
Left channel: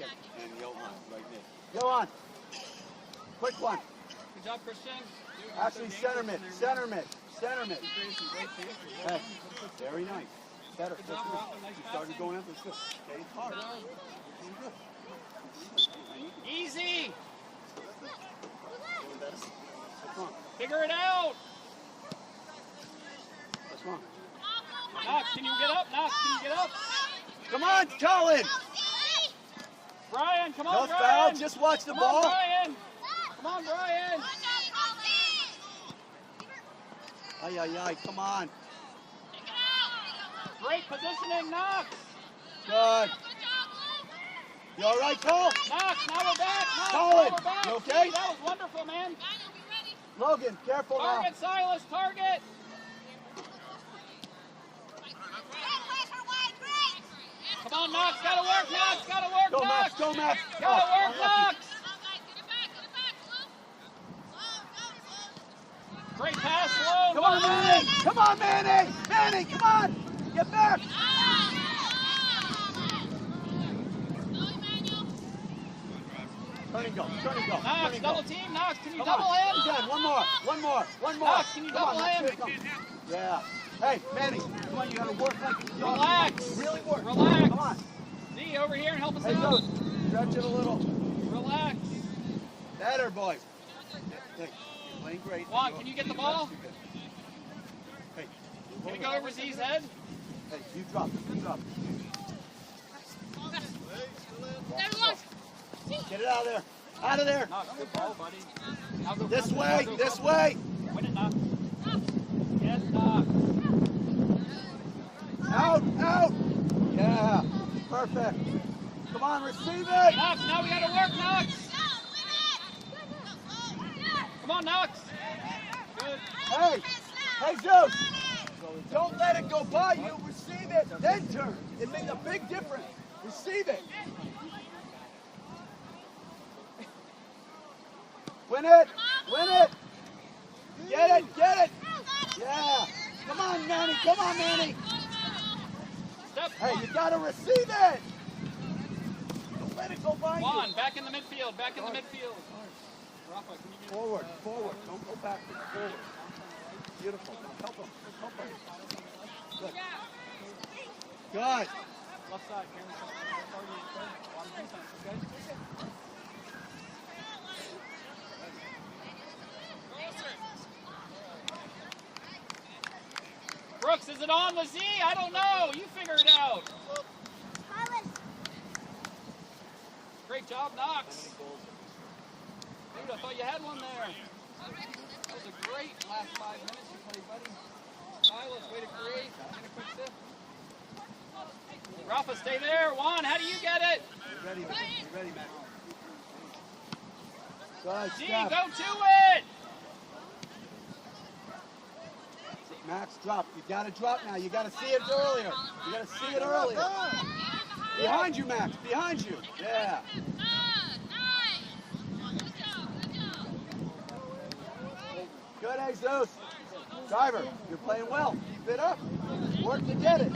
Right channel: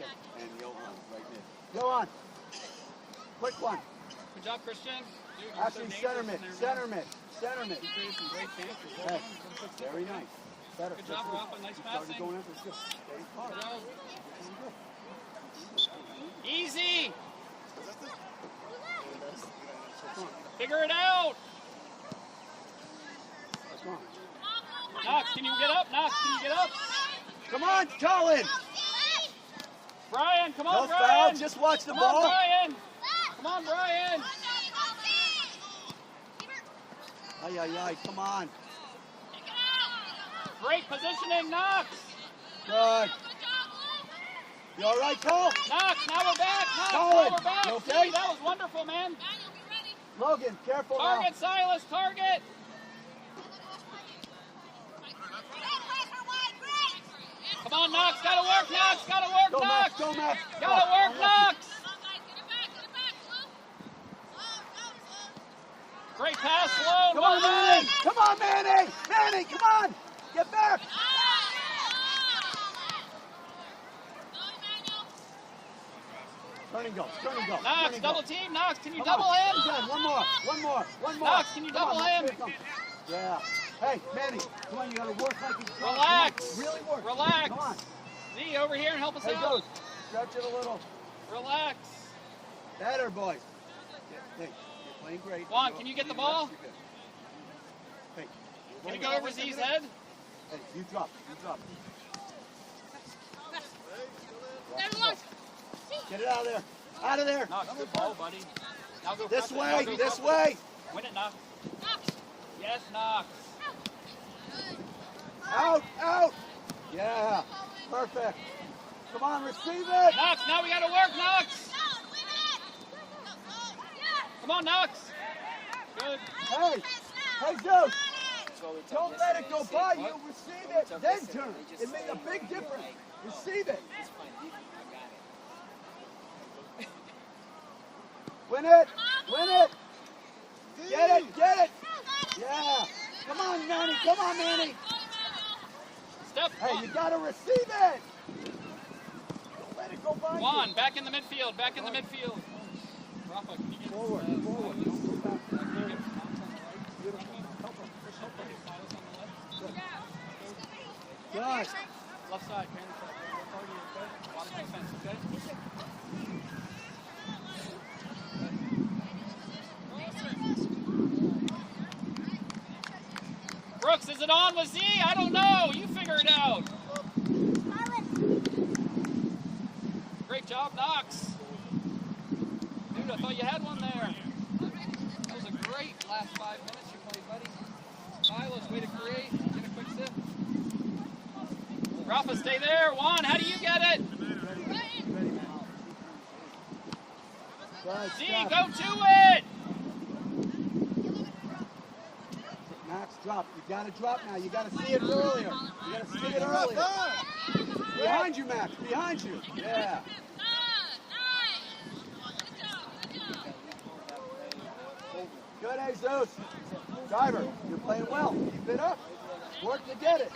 Okay. And Johan, right here. Johan. Quick one. Good job, Christian. Actually, center mid. Center mid. Center mid. Hey, very nice. Better. Good job, That's Rafa. Nice You started passing. going up. It's good. Get it hard. Easy. That's wrong. Figure it out. That's wrong. Knox, can you get up? Knox, can you get up? Come on, Colin. Brian, come on, No Brian. foul. Just watch the Come ball. on, Brian. Come on, Brian. Ay, ay, ay. Come on. Great positioning, Knox. Good. You all right, Cole? Knox, now we're back. Knox, Colin, now we're back. you okay? That was wonderful, man. Logan, careful now. Target, Silas, target. Come Come on, Knox. Gotta work, Knox. Gotta work, Go, Knox. Max. Go, Max. Gotta work, Knox. Great pass, Sloan. Come on, Manny. Come on, Manny. Manny, come on. Get back. Turn and go. Turn and go. Knox, double team. Knox, can you Come double on. him? Good. One more. One more. One more. Knox, can you Come on, double Max, him? here it comes. Yeah. Hey, Manny, come on. You got to work like this. Relax. Really work. Relax. Come on. Z, over here and help us Hey, out. go. Stretch it a little. Relax. Better, boys. Hey, you're playing great. Juan, can you get the ball? Hey, Can you go over Z's head? Hey, you drop it. You drop it. Get it out of there. Out of there. Knox, good ball, buddy. Now go This front, way. now go This front. way. Win it, Knox. Yes, Knox. Out. Out. Yeah. Perfect. Come on, receive it. Knox, now we gotta work, Knox. Come on, Knox. Good. Hey. Hey, Zeus. Don't let it go by you. Receive it. Then turn. It makes a big difference. Receive it. Win it. Win it. Get it. Get it. Yeah. Come on, Manny. Come on, Manny. Step Hey, one. you got to receive it. Don't let it go by Juan, back in the midfield. Back in the midfield. Rafa, can you get Forward. Forward. Don't go back. Forward. Beautiful. Help him. Help him. Good. Good. left side, man? A lot of defense, okay? Brooks, is it on with Z? I don't know. You figure it out. Great job, Knox. Dude, I thought you had one there. That was a great last 5 minutes you played, buddy. Silas, way to create. Get a quick sip. Rafa, stay there. Juan, how do you get it? Ready, man. Z, go to it. Max, drop. You got to drop now. You got to see it earlier. You got to see it earlier. Behind you, Max. Behind you. Yeah. Good, Jesus. Driver, you're playing well. Fit up. Work to get it.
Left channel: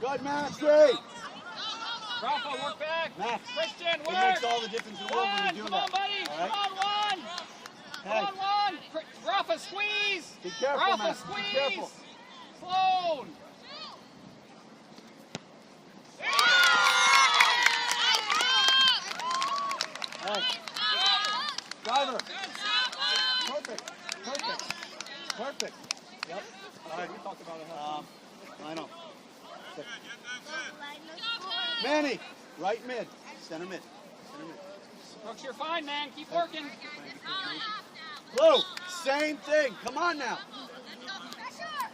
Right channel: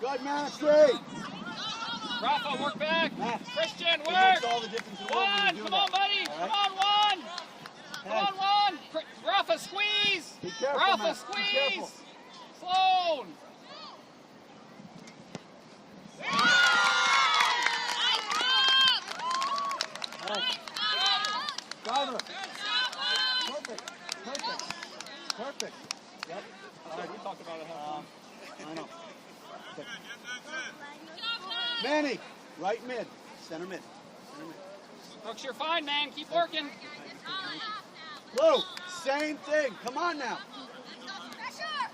Good, Maxie. Rafa, work back. Max, Christian, it work. makes all the difference in the world when you do Come that. on, buddy. All Come right? on, Juan. Come on, Juan. Rafa, squeeze. Be careful, Rafa, Max. Be squeeze. careful. Sloan. Driver. Perfect. Perfect. Perfect. Yep. That's what we talked about at halftime. I know. Manny, right mid. Center mid. Center mid. Brooks, you're fine, man. Keep working. Blue, same thing. Come on now.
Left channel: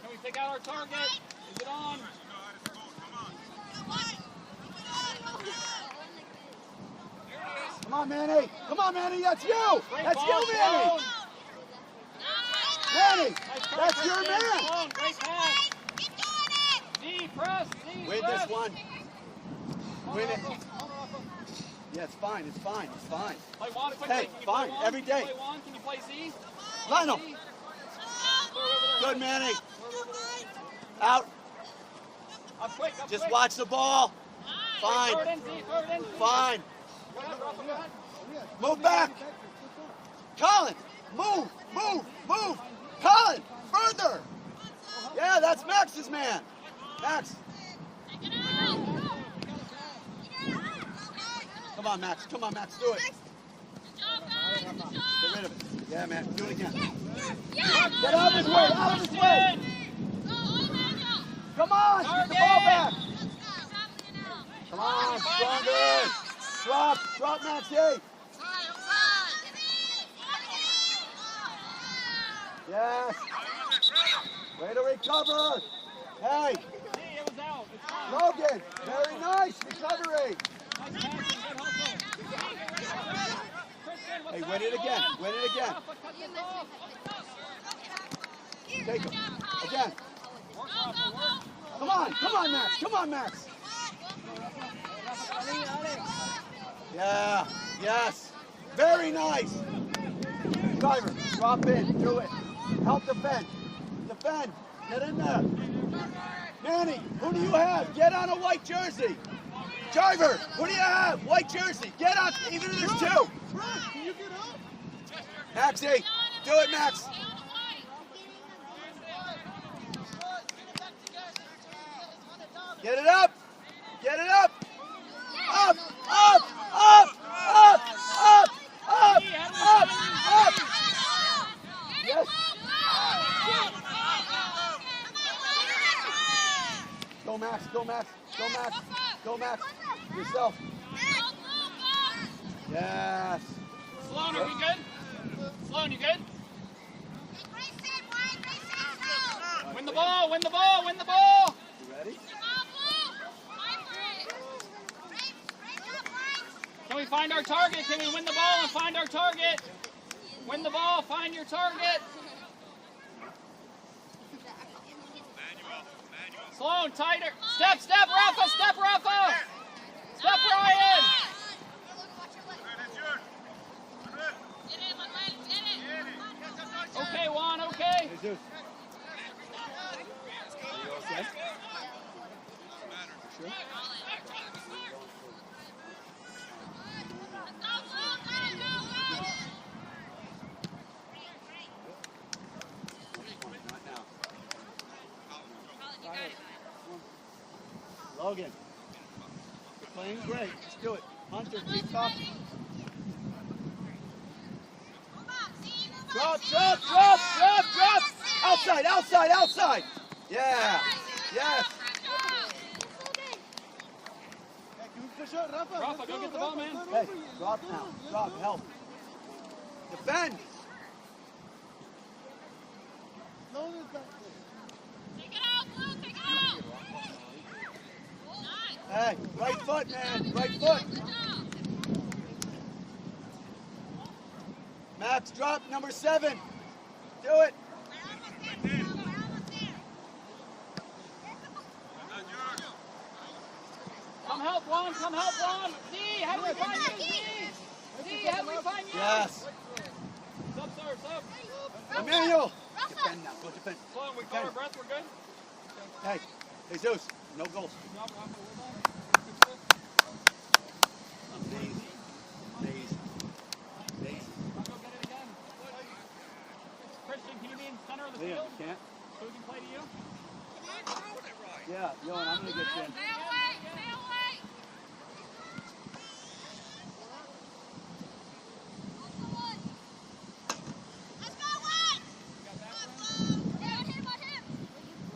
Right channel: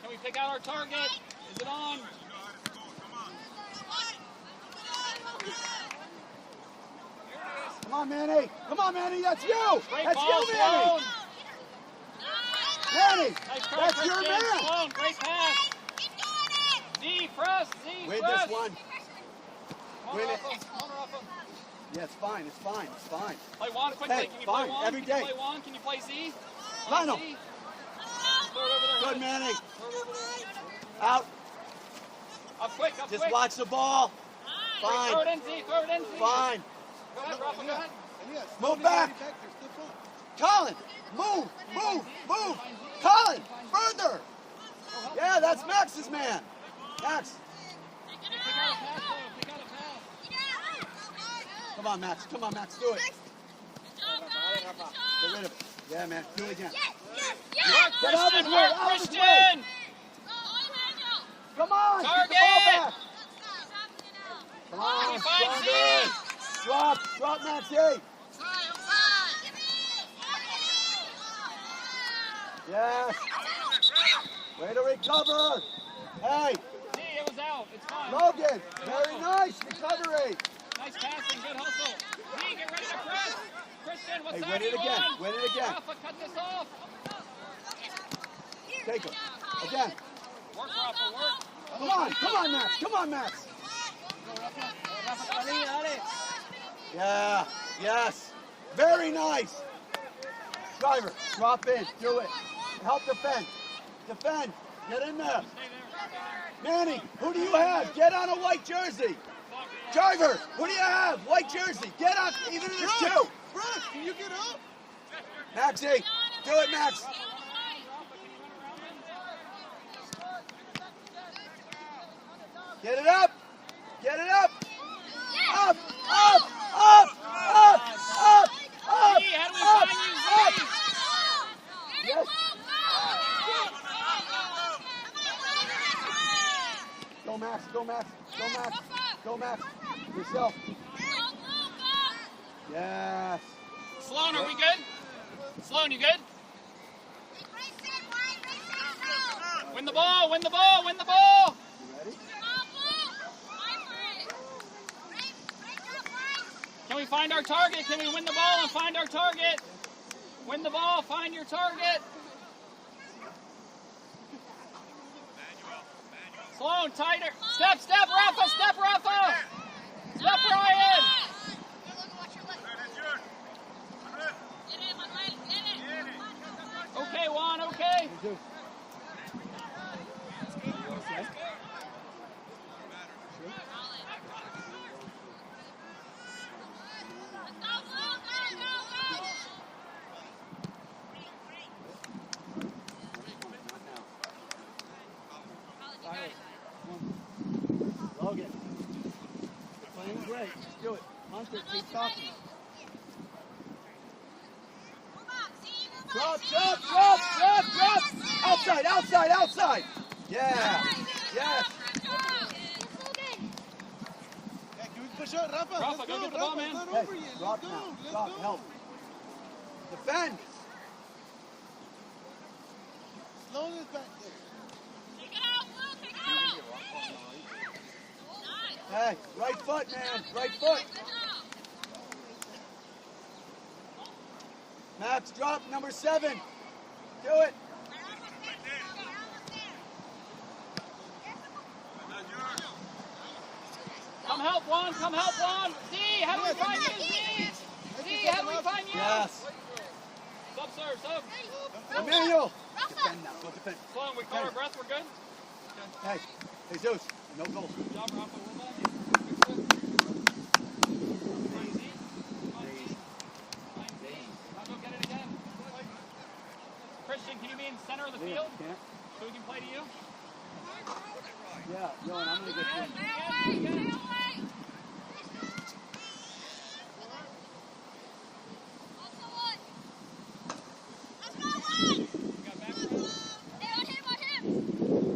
Can we pick out our target? Is it on? Come on, Manny. Come on, Manny. That's you. Great That's ball, you, Manny. Sloan. Manny, Nice pass, that's your Christian. man. Sloan, great pass. Z, press. Z, Win press. this one. Come on, Win it. Rafa. Come on, Rafa. Yeah, it's fine. It's fine. It's fine. Play Juan quickly. Hey, Can you fine, play Juan? every Can you day. play Juan? Can you play Z? Lionel. Z. Throw it over there. Good, Manny. Throw it over there. Out. Up quick, up Just quick. watch the ball. Throw it Fine. in, Z. Throw it in. Z. Fine. Go ahead, Rafa. Go ahead. Move back. Colin, move, move, move. Colin, further. Yeah, that's Max's man. Max. Come on, Max. Come on, Max. Do it. Get rid of it. Yeah, man. Do it again. Get out of his way. Out of his way. Christian. Come on. Get the ball back. Come on. Stronger. Drop. Drop, Maxie. Yes. Way to recover. Hey. Z, it was out. It's fine. Logan, very nice recovery. Nice passing, good hustle. Lee, get ready to press. Kristen, what's Hey, that? win it again, win it again. Rafa, cut this off. Take him. Again. Work, Rafa, work. Come on, Max. Come on, Max. Yeah, yes. Very nice. Driver, drop in, do it. Help defend. Defend. Get in there. Manny, who do you have? Get on a white jersey. Driver, who do you have? White jersey. Get on, even if there's two. Can you get up? Maxie, do it, Max. Get it up. Get it up. Up, up, up, up, up, up, up, up. Yes. Go, Max. Go, Max. Go, Max. Go, Max. Yourself. Yes. Sloan, are we good? Sloan, you good? Win the ball, win the ball, win the ball! You ready? Can we find our target? Can we win the ball and find our target? Win the ball, find your target. Sloan, tighter. Step, step, Rafa, step, Rafa. Step, Ryan. Okay, Juan, okay. Hey, Logan, you're playing great. Let's do it. Hunter, keep talking. Drop, drop, drop, drop, drop. Outside, outside, outside. Yeah. Yes. Hey, can we push out Rafa? Rafa, Let's go get the ball, man. It's not Hey, over yet. drop Let's go. now. Let's Drop, go. help. Defend. Sloan is back there. Hey, right foot, man. Right foot. Max, drop number 7. Do it. Come help Juan, come help Juan. Z, how do we find you? Z, Z, how do we find you? Yes. Sub, sir, sub. Emmanuel. Defend now. Go defend. Sloan, we caught our breath, we're good? Hey, Jesus. No goals. Good job, Rafa, we're back. I'll go get it again. Christian, can you be in the center of the Yeah, field can't. so we can play to you? Yeah, yo, and I'm going to get you.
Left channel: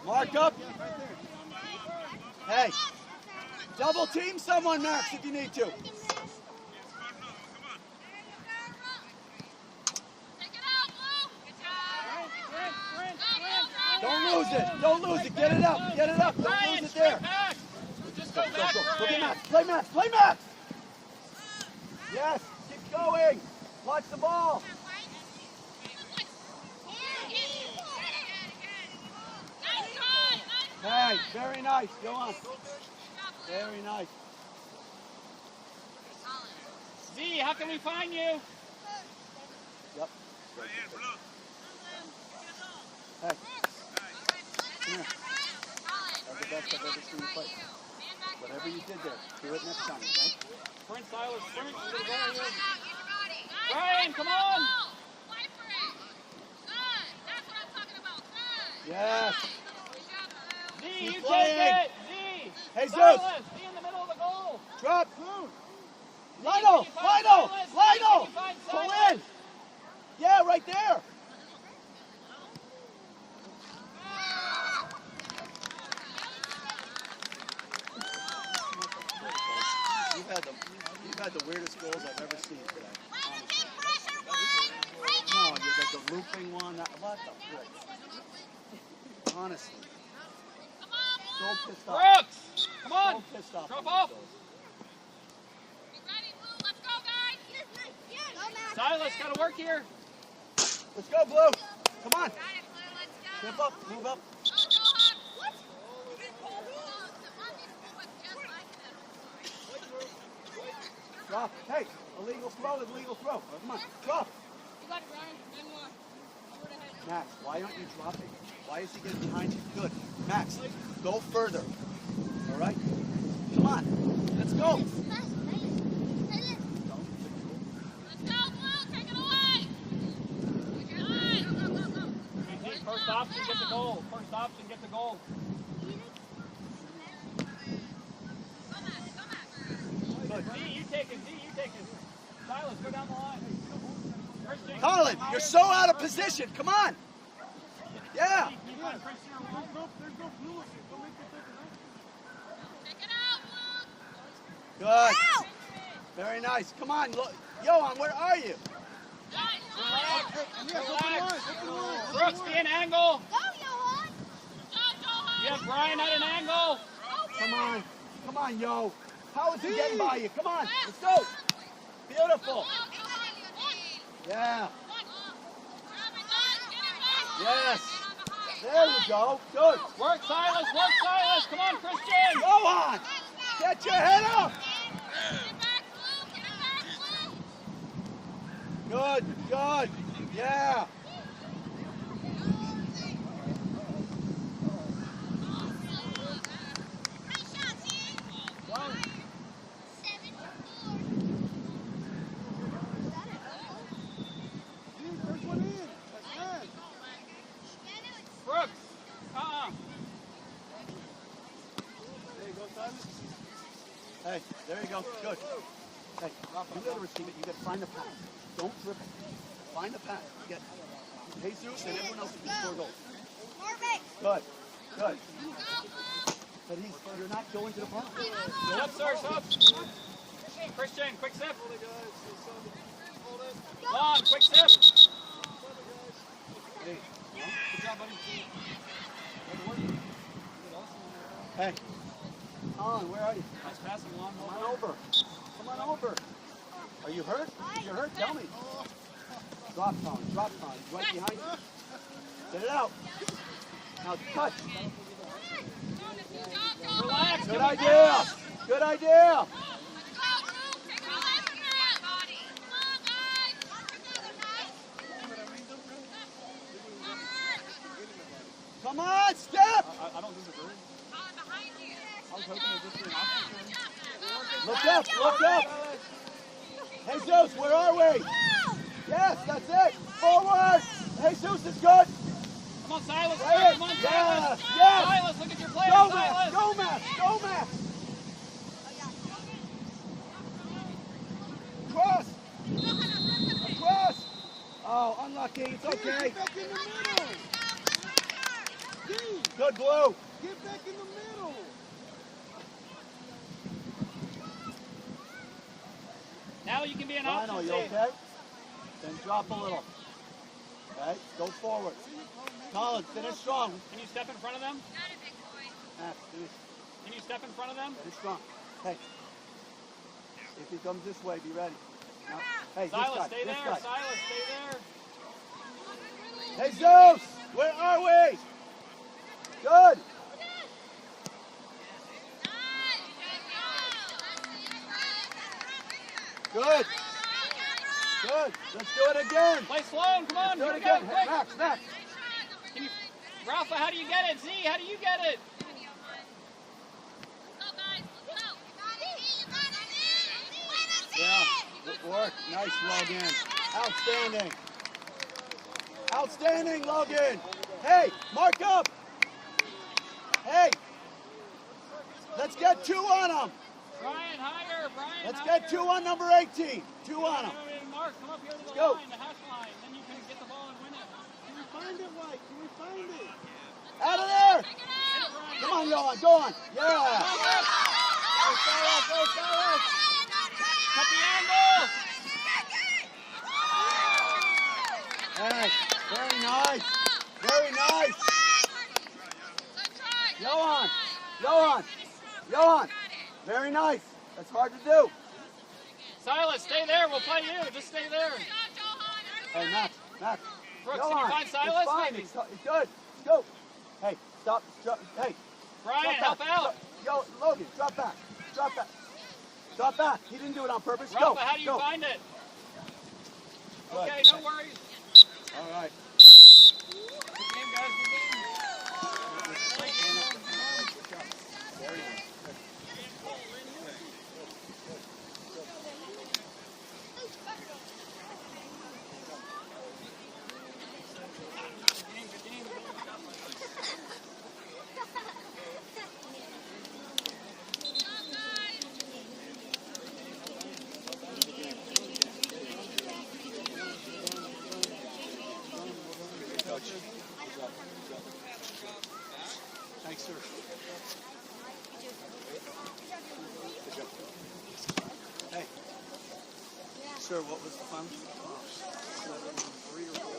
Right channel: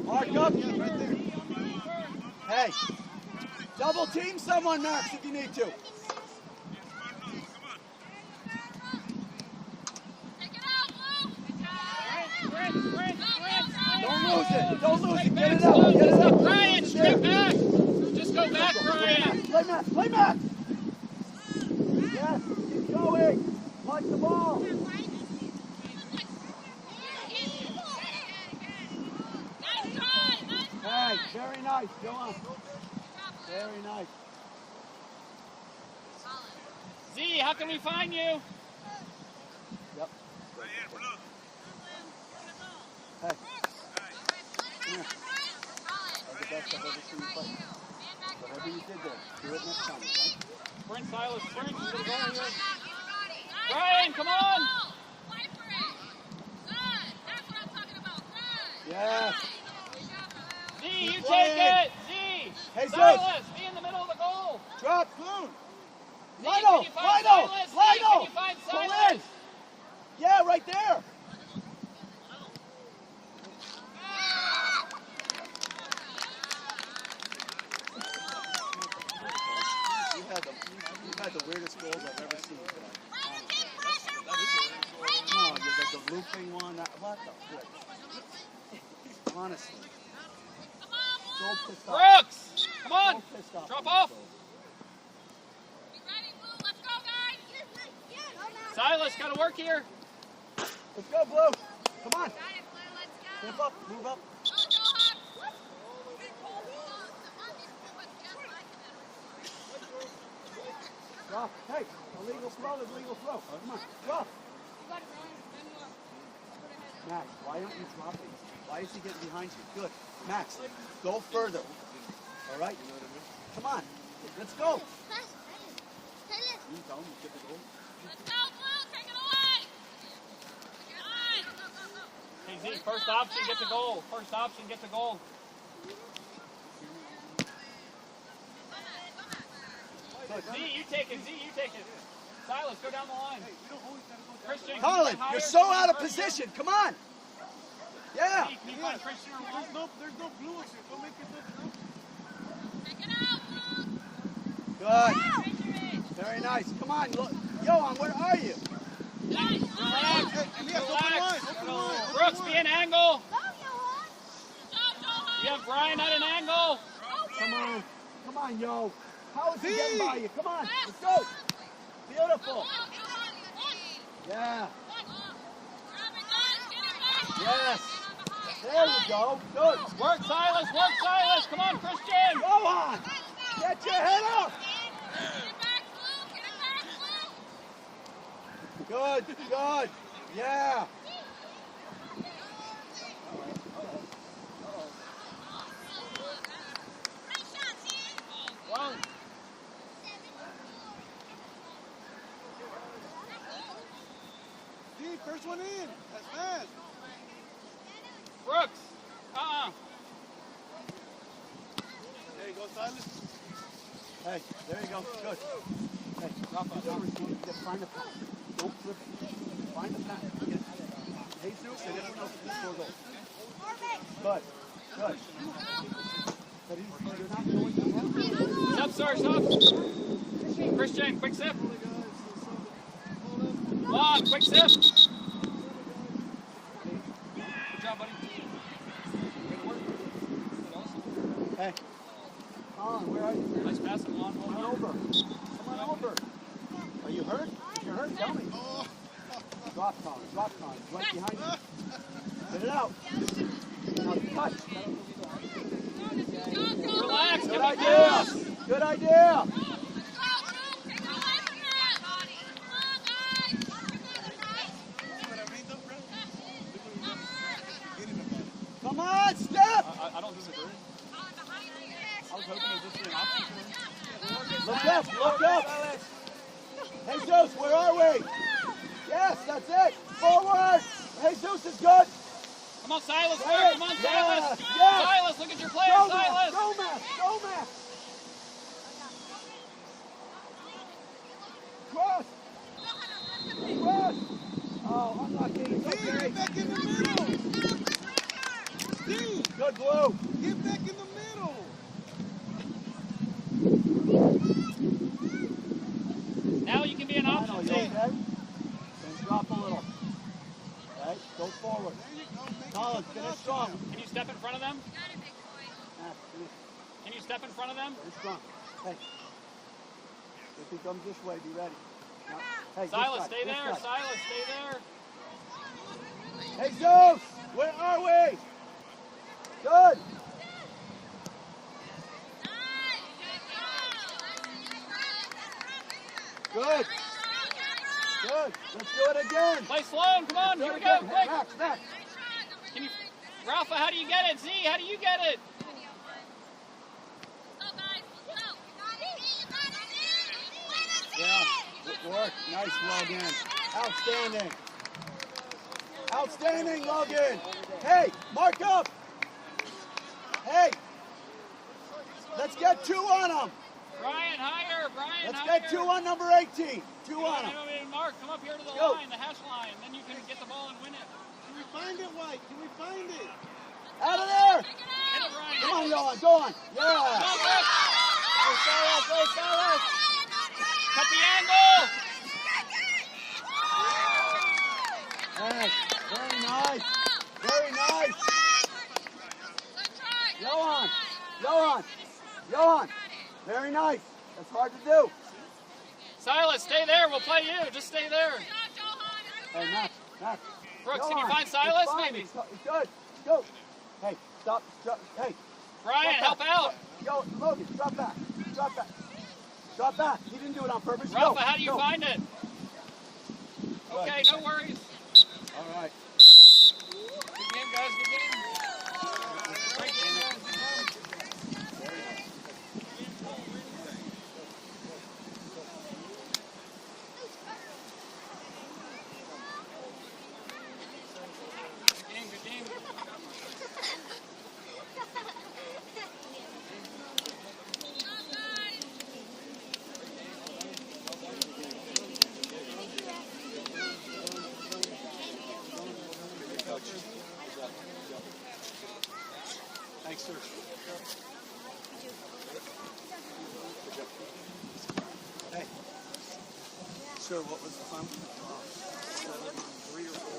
Mark up. Hey, double team someone, Max, if you need to. Don't lose it. Don't lose it. Get it up. Get it up. Don't Ryan, lose it there. strip back. Just go back, Ryan. Play Max. Play Max. Yes. Keep going. Watch the ball. Hey, very nice. Go on. Very nice. Z, how can we find you? Yep. Hey. Come here. That's the best I've ever seen you play. Whatever you did there, do it next time, okay? Sprint, Silas, sprint. We're gonna go here. Ryan, come on. Yes. Z, Keep you take playing. it. Z. Hey, Zeus. Silas, be in the middle of the goal. Drop. Z, Lionel. can you find Lionel. Silas? Z, Lionel. can you find Pull Silas? in. Yeah, right there. You've had the weirdest goals I've ever seen today. Honestly. No, the looping one. What the frick? Honestly. So pissed off. Brooks. stop. Drop off. Silas, gotta work here. Let's go, Blue. Come on. Step up, move up. Drop. Hey, illegal throw is legal throw. All right, come on, drop. Max, why don't you drop it? Why is he getting behind you? Good. Max, go further. All right? Come on. Let's go. First option, get the goal. First option, get the goal. Z, you take it. Z, you take it. Silas, go down the line. Christian, Colin, you're so out of position. Come on. Yeah. Z, can you find Christian on the line? There's no blue here. Go make it different. Take it out, Luke. Good. Very nice. Come on. Look. Johan, where are you? Nice. Relax. Brooks, be an angle. You have Brian at an angle. Come on. Come on, yo. How is he getting by you? Come on. Let's go. Beautiful. Yeah. Yes. There you go. Good. Work, Silas. Work, Silas. Come on, Christian. Johan, get your head up. Good. Good. Yeah. First one in. That's fast. Brooks. There you go, Silas. Hey, there you go. Good. Hey, Rafa, you got to find the pass. Don't flip it. Find the pass. Yes. Jesus and everyone else can score goals. Good. Good. But you're not going to have Stop, sir. Stop. Christian, quick sip. Long, quick sip. Good job, buddy. Hey. Colin, where are you? Nice pass and long. Come on over. Come on over. Are you hurt? If you're hurt, tell me. Drop, Colin. Drop, Colin. Right behind you. Get it out. Now cut. Relax. Good idea. Good idea. Come on, step. I don't disagree. I was hoping it would just be an option. Look up, look up. Jesus, where are we? Yes, that's it. Forward. Jesus is good. Come on, Silas. Right. Come on, Silas. Yes, yes. Silas, look at your play, Go, Silas. Max. Go, Max. Go, Max. Press. Press. Oh, unlucky. It's okay. Back in the middle. Dude, Good, Blue. get back in the middle. Now you can be an Fine, are option. you okay? Then drop a little. Okay, go forward. Colin, finish strong. Can you step in front of them? Max, finish. Can you step in front of them? Finish strong. Hey. If he comes this way, be ready. No. Hey, Silas, this stay guy, there. this guy. Silas, stay there. Jesus, where are we? Good. Good. Good. Let's do it again. Play slow. Come on. Do Here it we go. again. Quick. Max, Max. Rafa, how do you get it? Z, how do you get it? Yeah, good work. Nice, Logan. Outstanding. Outstanding, Logan. Hey, mark up. Hey, let's get 2 on him. Brian, higher. Brian, Let's higher. get 2 on number 18. 2 on him. Mark, come up here to the Go. line, the hash line. Then you can get the ball and win it. Can we find it, White? Can we find it? Out of there. Come on, Johan. Go on. Yeah. Go, Silas. Go, Silas. Cut the angle. Hey, very nice. Very nice. Johan. Johan. Johan. Very nice. That's hard to do. Silas, stay there. We'll play you. Just stay there. Hey, Max. Brooks, Go can you on. find Silas? It's fine. Maybe. It's good. Go. Hey, stop. Hey. Brian, drop help back. out. Yo, Logan, drop back. Drop back. Drop back. He didn't do it on purpose. Rafa, Go. how do you Go. find it? Good. Okay, no worries. All right. Good game, guys. Good game. Thanks, sir. Good job. Hey. Sir, what was the fun? 7, 3 or 4.